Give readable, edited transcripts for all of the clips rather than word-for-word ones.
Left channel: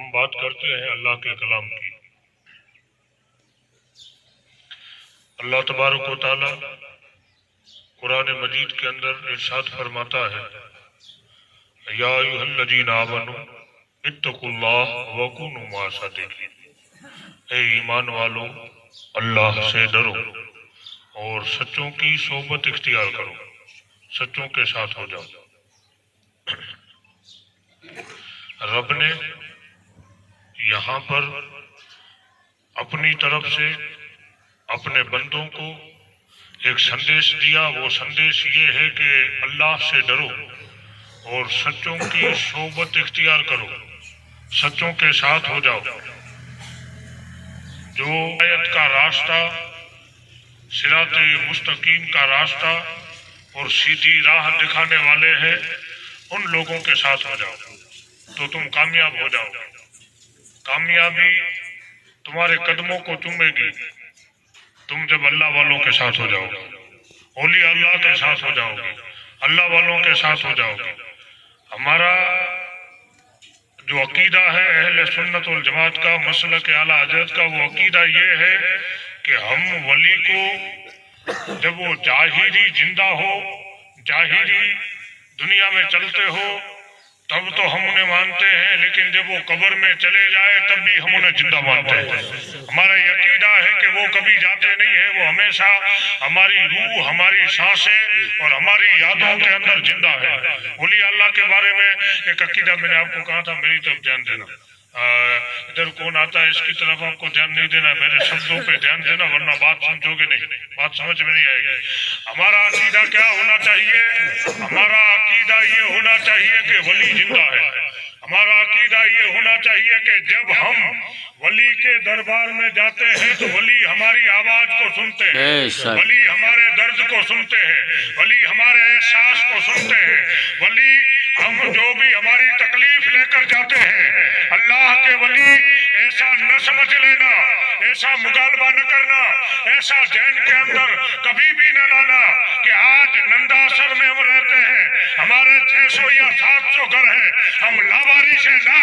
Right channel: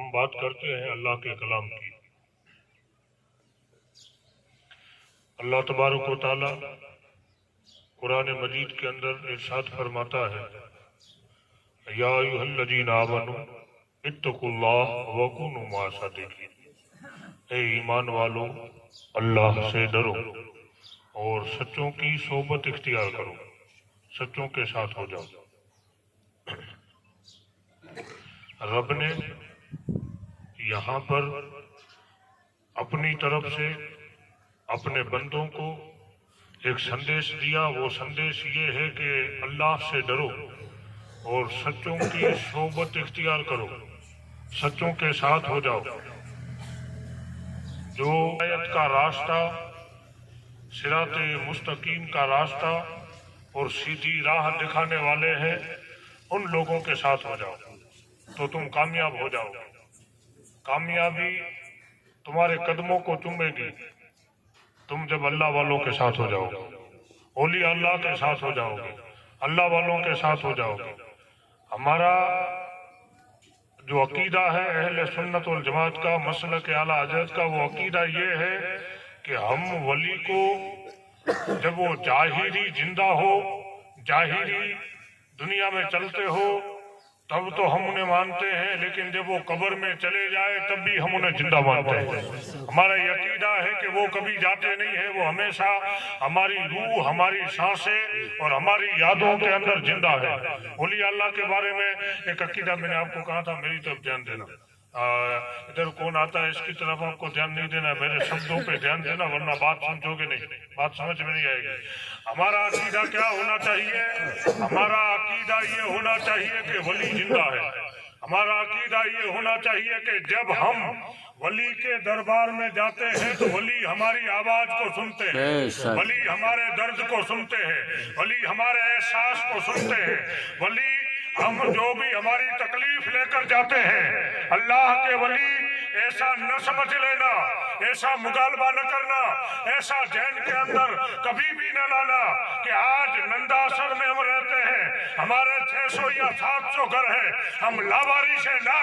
ہم بات کرتے ہیں اللہ کے کلام کی۔ اللہ تبارک و تعالی قرآن مجید کے اندر ارشاد فرماتا ہے، یا ایھا الذین آمنوا اتقوا اللہ وکونوا مع الصادقین، اے ایمان والو اللہ سے ڈرو اور سچوں کی صحبت اختیار کرو، سچوں کے ساتھ ہو جاؤ۔ رب نے یہاں پر اپنی طرف سے اپنے بندوں کو ایک سندیش دیا، وہ سندیش یہ ہے کہ اللہ سے ڈرو اور سچوں کی صحبت اختیار کرو، سچوں کے ساتھ ہو جاؤ۔ جو ہدایت کا راستہ، صراط مستقیم کا راستہ اور سیدھی راہ دکھانے والے ہیں، ان لوگوں کے ساتھ ہو جاؤ تو تم کامیاب ہو جاؤ۔ کامیابی تمہارے قدموں کو چومے گی تم جب اللہ والوں کے ساتھ ہو جاؤ گے، اولیاء اللہ کے ساتھ ہو جاؤ گے، اللہ والوں کے ساتھ ہو جاؤ گے۔ ہمارا جو عقیدہ ہے اہل سنت والجماعت کا، مسلک اعلیٰ حضرت کا، وہ عقیدہ یہ ہے کہ ہم ولی کو جب وہ ظاہری زندہ ہو، ظاہری دنیا میں چلتے ہو تب تو ہم انہیں مانتے ہیں، لیکن جب وہ قبر میں چلے جائے تب بھی ہم انہیں زندہ مانتے ہیں۔ ہمارا یہ عقیدہ ہے کہ وہ کبھی جاتے نہیں ہیں، وہ ہمیشہ ہماری روح، ہماری سانسیں اور ہماری یادوں کے اندر زندہ ہے۔ اولیاء اللہ کے بارے میں ایک عقیدہ میں نے آپ کو کہا تھا، میری طرف دھیان دینا۔ ادھر کون آتا ہے اس کی طرف آپ کو دھیان نہیں دینا، میرے شبدوں پہ دھیان دینا، ورنہ بات سمجھو گے نہیں، بات سمجھ میں نہیں آئے گی۔ ہمارا عقیدہ کیا ہونا چاہیے؟ ہمارا عقیدہ یہ ہونا چاہیے کہ ولی زندہ ہے۔ ہمارا عقیدہ یہ ہونا چاہیے کہ جب ہم ولی کے دربار میں جاتے ہیں تو ولی ہماری آواز کو سنتے ہیں، ولی ہمارے درد کو سنتے ہیں، ولی ہمارے احساس کو سنتے ہیں، ولی ہم جو بھی ہماری تکلیف لے کر جاتے ہیں، اللہ کے ولی ایسا نہ سمجھ لینا، ایسا مغالبہ نہ کرنا، ایسا ذہن کے اندر کبھی بھی نہ لانا کہ آج ننداسر میں ہم رہتے ہیں، ہمارے 600 یا 700 گھر ہیں، ہم لاوارث ہیں۔ نہ،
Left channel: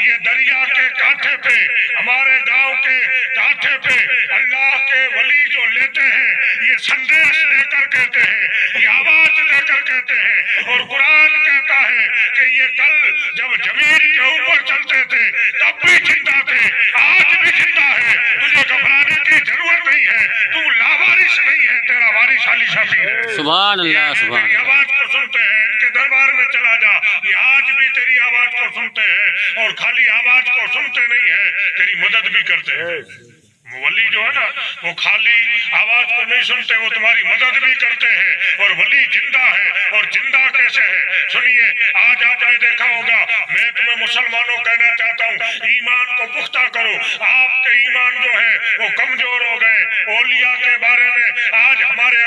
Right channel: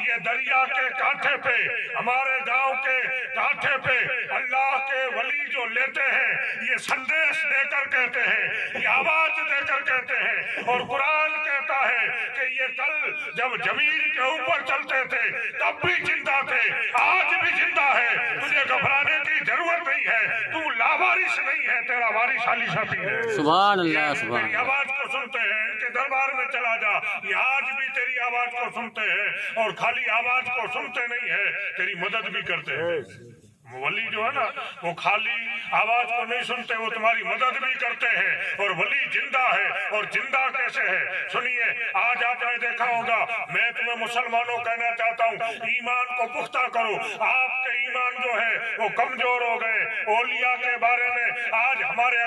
یہ دریا کے کانٹھے پہ، ہمارے گاؤں کے کانٹھے پہ اللہ کے ولی جو لیتے ہیں، یہ سندیش دے کر کہتے ہیں، یہ آواز دے کر کہتے ہیں، اور قرآن کہتا ہے کہ یہ کل جب زمین کے اوپر چلتے تھے تب بھی زندہ تھے، آج بھی زندہ ہے۔ تجھے گھبرانے کی ضرورت نہیں ہے، تو لاوارث نہیں ہے، تیرا وارث علی شفیع ہے۔ سبحان اللہ، سبحان تیری آواز کو سنتے ہیں، ان کے دربار میں چلا جا، یہ آج بھی تیری آواز کو سنتے ہیں، اور خالی آواز کو سنتے نہیں ہے، تیری مدد بھی کرتے ہیں۔ ولی جو ہے نا، وہ خالی آواز کو نہیں سنتے، وہ تمہاری مدد بھی کرتے ہیں، اور ولی زندہ ہے۔ اور زندہ کیسے ہے؟ سنیے، آج آپ نے دیکھا ہوگا، میں تمہیں مسلمانوں کہنا چاہتا ہوں، ایمان کو پختہ کرو۔ آپ کے ایمان جو ہے وہ کمزور ہو گئے۔ اولیاء کے بارے میں آج ہمارے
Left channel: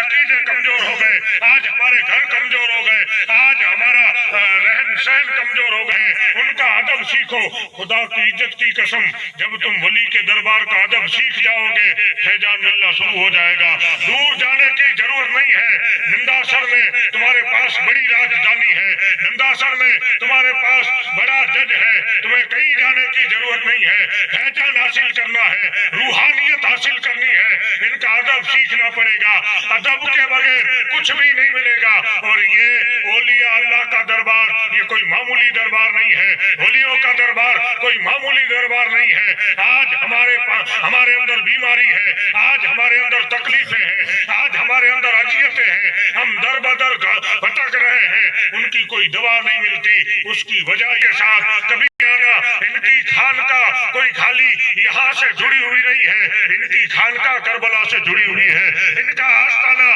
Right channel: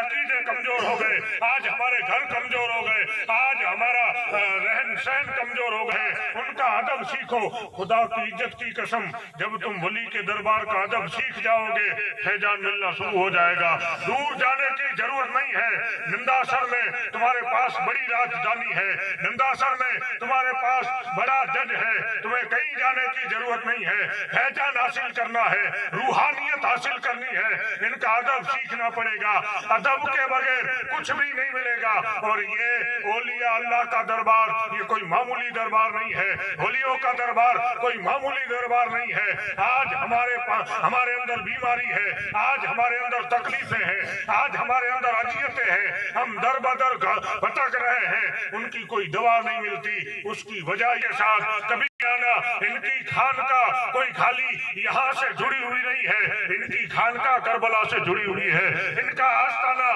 عقیدے کمزور ہو گئے، آج ہمارے گھر کمزور ہو گئے، آج ہمارا رہن سہن کمزور ہو گئے۔ ان کا ادب سیکھو، خدا کی عزت کی قسم، جب تم ولی کے دربار کا ادب سیکھ جاؤ گے، فیضان ملنا شروع ہو جائے گا۔ دور جانے کی ضرورت نہیں ہے، ننداسر میں تمہارے پاس بڑی راجدھانی ہے، ننداسر میں تمہارے پاس بڑا جج ہے، تمہیں کہیں جانے کی ضرورت نہیں ہے۔ فیضان حاصل کرنا ہے، روحانیت حاصل کرنی ہے، ان کا ادب سیکھنا پڑے گا۔ ادب کے بغیر کچھ بھی نہیں ملے گا۔ اور یہ اولیاء اللہ کا دربار یہ کوئی معمولی دربار نہیں ہے، ولیوں کا دربار کوئی معمولی دربار نہیں ہے۔ آج ہمارے اندر بیماری ہے، آج ہمارے اندر تکلیفیں ہیں، آج ہمارے اندر اذیتیں ہیں، ہم در بدر بھٹک رہے ہیں، ان کی کوئی دوا نہیں ملتی۔ اس کی وجہ کے ساتھ کبھی آنا، ان کی خانقاہ کوئی خالی یہاں سے جڑی ہوئی نہیں ہے، ان کی خانقاہ کربلا سے جڑی ہوئی ہے، ان کا آستانہ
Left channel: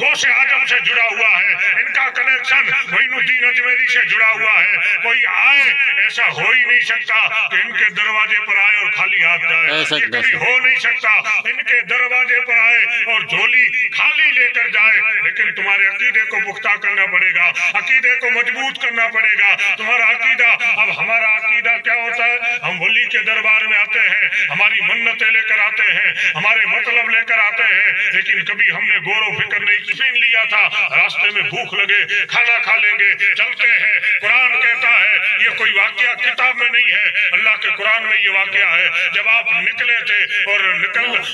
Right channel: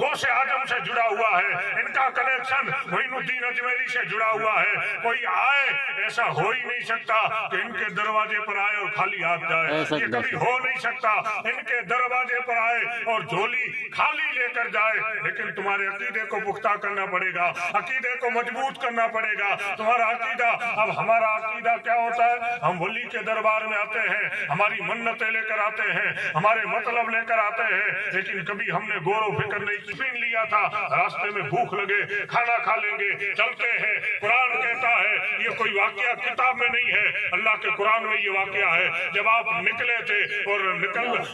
غوث اعظم سے جڑا ہوا ہے، ان کا کنیکشن معین الدین اجمیری سے جڑا ہوا ہے۔ کوئی آئے، ایسا ہو ہی نہیں سکتا کہ ان کے دروازے پر آئے اور خالی ہاتھ جائے، یہ کبھی ہو نہیں سکتا۔ ان کے دروازے پر آئے اور جھولی خالی لے کر جائے، لیکن تمہارے عقیدے کو پختہ کرنا پڑے گا، عقیدے کو مضبوط کرنا پڑے گا۔ تمہارا عقیدہ، اب ہمارا عقیدہ کیا ہوتا ہے؟ ہم ولی کے دربار میں آتے ہیں، ہماری منتیں لے کر آتے ہیں، ہمارے مطلب لے کر آتے ہیں، لیکن کبھی ہم نے غور و فکر نہیں ٹفن لیا تھا، راستے میں بھوک لگے کھانا کھا لیں گے، چلتے ہیں۔ قرآن کہتا ہے یہ کوئی کوئی واقعہ کتاب میں نہیں ہے، اللہ کے قرآن میں یہ واقعہ ہے۔ جب آپ نکلے تھے اور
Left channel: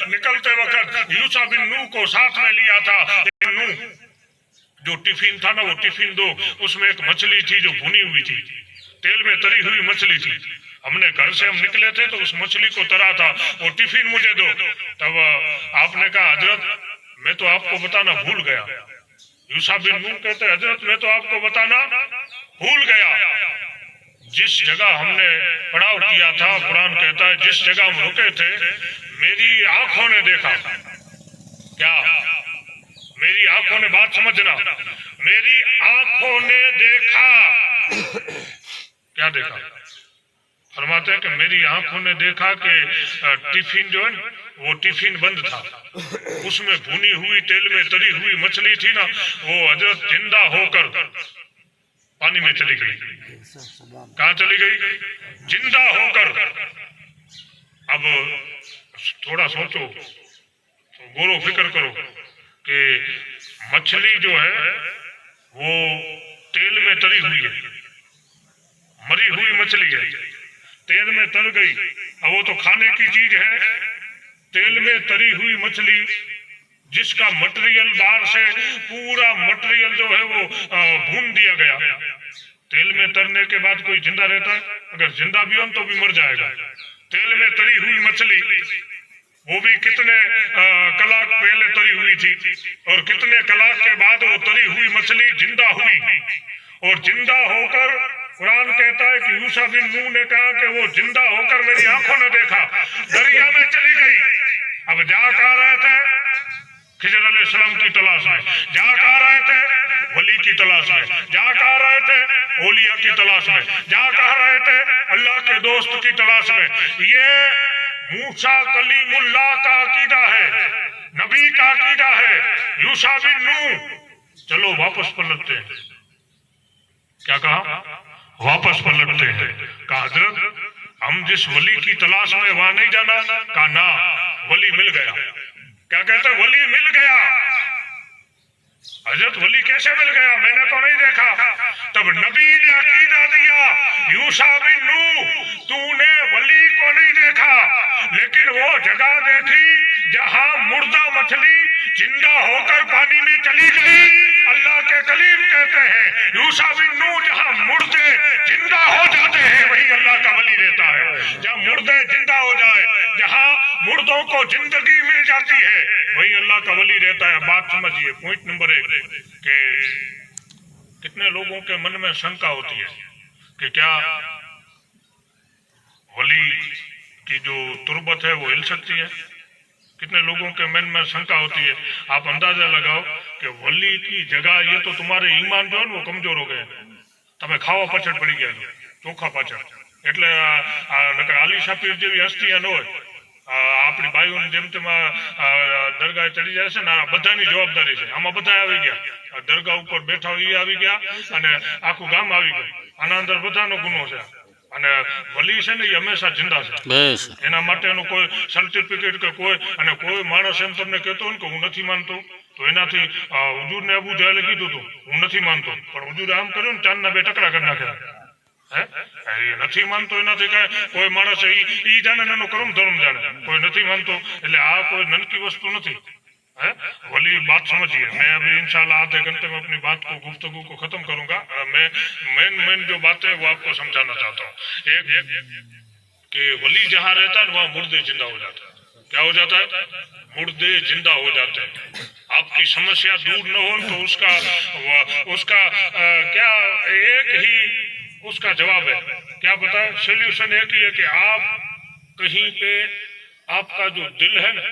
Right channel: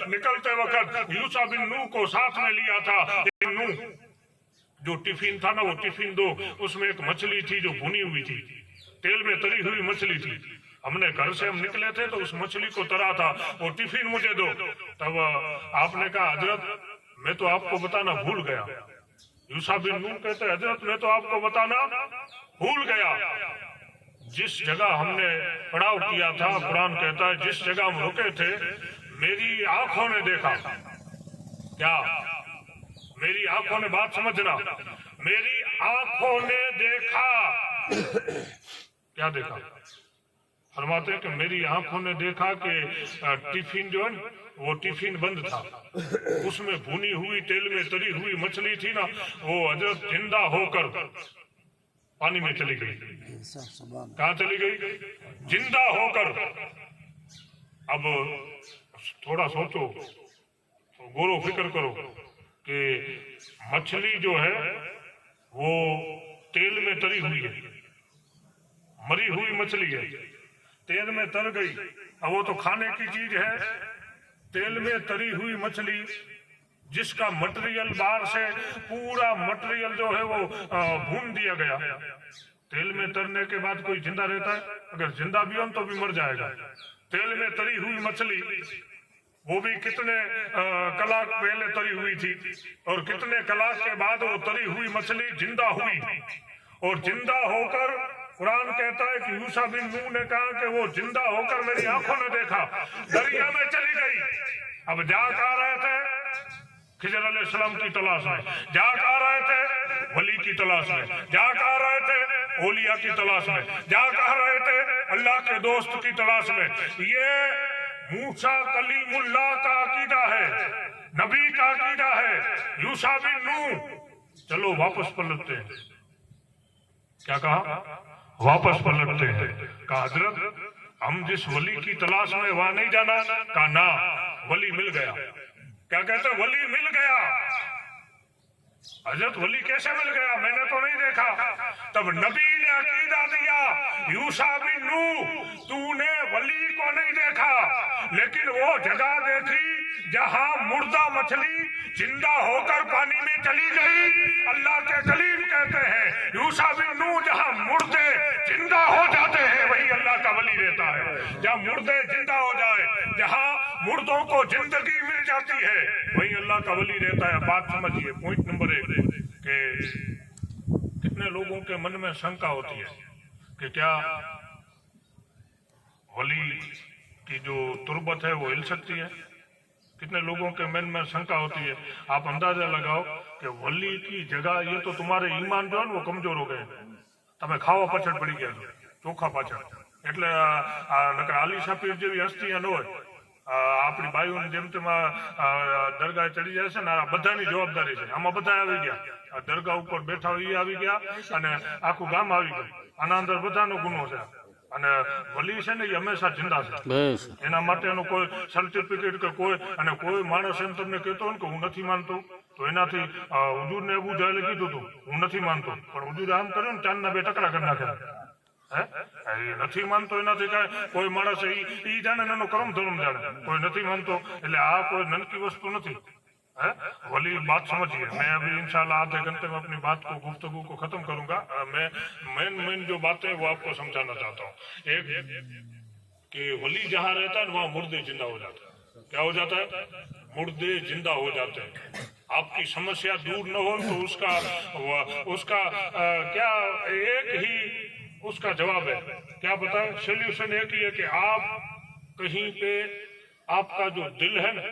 نکلتے وقت یوشع بن نون کو ساتھ میں لیا تھا، نون جو ٹفن تھا نا، وہ ٹفن دو، اس میں ایک مچھلی تھی جو بھنی ہوئی تھی، تیل میں تری ہوئی مچھلی تھی۔ ہم نے گھر سے ہم نکلے تھے تو اس مچھلی کو ترا تھا، وہ ٹفن مجھے دو۔ تب آپ نے کہا حضرت میں تو آپ کو بتانا بھول گیا۔ یوشع بن نون کہتے حضرت میں تو آپ کو بتانا بھول گیا۔ جس جگہ ہم نے پڑاؤ کیا تھا، قرآن کہتا ہے جس جگہ ہم رکے تھے میری آنکھوں نے دیکھا۔ کیا؟ میری آنکھوں نے، بات سمجھنا، میری آنکھوں نے دیکھا۔ کیا دیکھا؟ فرماتے ہیں کہ میری آنکھوں نے دیکھا کہ ٹفن جو ہے وہ ٹفن بند تھا، اس میں بھنی ہوئی تیل میں تری ہوئی مچھلی تھی نا، وہ حضرت زندہ ہو کر پانی میں چلی گئی۔ کہاں چلی گئی؟ زندہ ہو کر۔ اب تھوڑا سوچو، غور و فکر کرو کہ مچھلی جو ہے وہ تیل میں تری ہوئی ہے، مری ہوئی مچھلی ہے، تیل میں تر گئی، اب وہ تو کھانے کی چیز ہے۔ تیل میں تری ہوئی مچھلی جس کا مٹیریل باہر سے پورا مٹیریل جو ہے وہ بھون دیا گیا، تیل میں ترنے کے بعد کوئی زندہ رہتا ہے؟ اگر زندہ بھی ہو تو بھی مر جائے گا۔ تیل میں تری ہوئی مچھلی، وہ بھی کتنے کلاک پہلے تری ہوئی تھی، اور کتنے کلاک کے بعد وہ تری ہوئی مچھلی زندہ ہوئی، اور زندہ ہو کر قرآن کہتا ہے کہ یوشع بن نون نے کہا کہ وہ زندہ ہو کر میری آنکھوں نے دیکھا، دریا میں چلی گئی۔ اب جا کہاں رہے تھے؟ خضر علیہ السلام کی تلاش میں۔ جا کہاں رہے تھے؟ ولی کی تلاش میں۔ جا کہاں رہے تھے؟ اولیاء کی تلاش میں۔ جا کہاں رہے تھے؟ اللہ کے دوست کی تلاش میں۔ یہ موسیٰ کلیم اللہ کا عقیدہ ہے، نبی کا عقیدہ ہے۔ یوشع بن نون چلو واپس پلٹتے ہیں۔ کیا کہا؟ واپس پلٹتے ہیں۔ کہا حضرت ہم جس ولی کی تلاش میں وہاں نہیں جانا؟ کہا نا، ولی مل گیا۔ کیا کہتے ہیں؟ ولی مل گیا۔ حضرت ولی کیسے مل گیا؟ میں نے تو نہیں دیکھا۔ تب نبی نے عقیدہ دیا، یوشع بن نون تو نے ولی کو نہیں دیکھا، لیکن وہ جگہ دیکھی جہاں مردہ مچھلی زندہ ہو کر پانی میں چلی گئی۔ اللہ کے کلیم کہتے ہیں یوشع بن نون جہاں مردے زندہ ہو جاتے ہیں وہی اللہ کا ولی رہتا ہے۔ جہاں مردے زندہ ہو جائے، جہاں مردوں کو زندگی مل جاتی ہے وہی اللہ کا ولی رہتا ہے۔ بات سمجھیے، پوائنٹ نمبر 1 کہ کتنے لوگوں کے من میں شنکا ہوتی ہے کہ کیا ولی کی جو تربت ہے وہ ہل سکتی ہے؟ کتنے لوگوں کے من میں شنکا ہوتی ہے۔ آپ اندازہ لگاؤ کہ ولی کی جگہ یہ تو تمہارے ایمان جو ہے وہ کمزور ہو گئے، تمہیں کھاوا પાછળ પડી ગયા છો, ચોખા પાછળ, એટલે આલી શાપીર જેવી હસ્તી ન હોય। આપણી ભાઈઓને જેમ તેમ દરગાહ ચડી જાય છે ને, આ બધાની જવાબદારી છે। આમાં બધા આવી ગયા, દરગાહ ઉપર બેઠા હોય એ આવી ગયા અને આખું ગામ આવી ગયું। આના અંદર બધાનો ગુનો છે। અને વલી છે ને એ હંમેશા જિંદા છે, એના માટેનું કોઈ સર્ટિફિકેટ કે કોઈ માણસ એમ તમને કહેતો હોય કે હું નથી માનતો, તો એનાથી હુજૂરને અબુ જહેલે કીધું હતું હું નથી માનતો, પણ હુજૂરે આમ કર્યું ને ચાંદના 2 ટકરા કરી નાખ્યા। એ નથી માનતો એનાથી કોઈ માણસ ઈ જાણે એનો કર્મ ધર્મ જાણે, કોઈ નથી માનતો એટલે આ કોઈ નનકી વસ્તુ નથી। वली बात समझिए। मैं अभी इंशाल्लाह आधे घंटे में अपनी बात को गुफ्तगू को खत्म करूंगा। मैं मेन जो बात है वो आपको समझाना चाहता हूँ। एक कि वली जहाँ रहता है वहाँ मुर्दे जिंदा हो जाता है। क्या हो जाता है? मुर्दे जिंदा हो जाते हैं। आपकी समस्या दूर न हो तो उसका क्या एक ही उसका जवाब है। क्या बताए? सोल्यूशन एक ही है कि आप कहीं पे आपका जो दिल है ना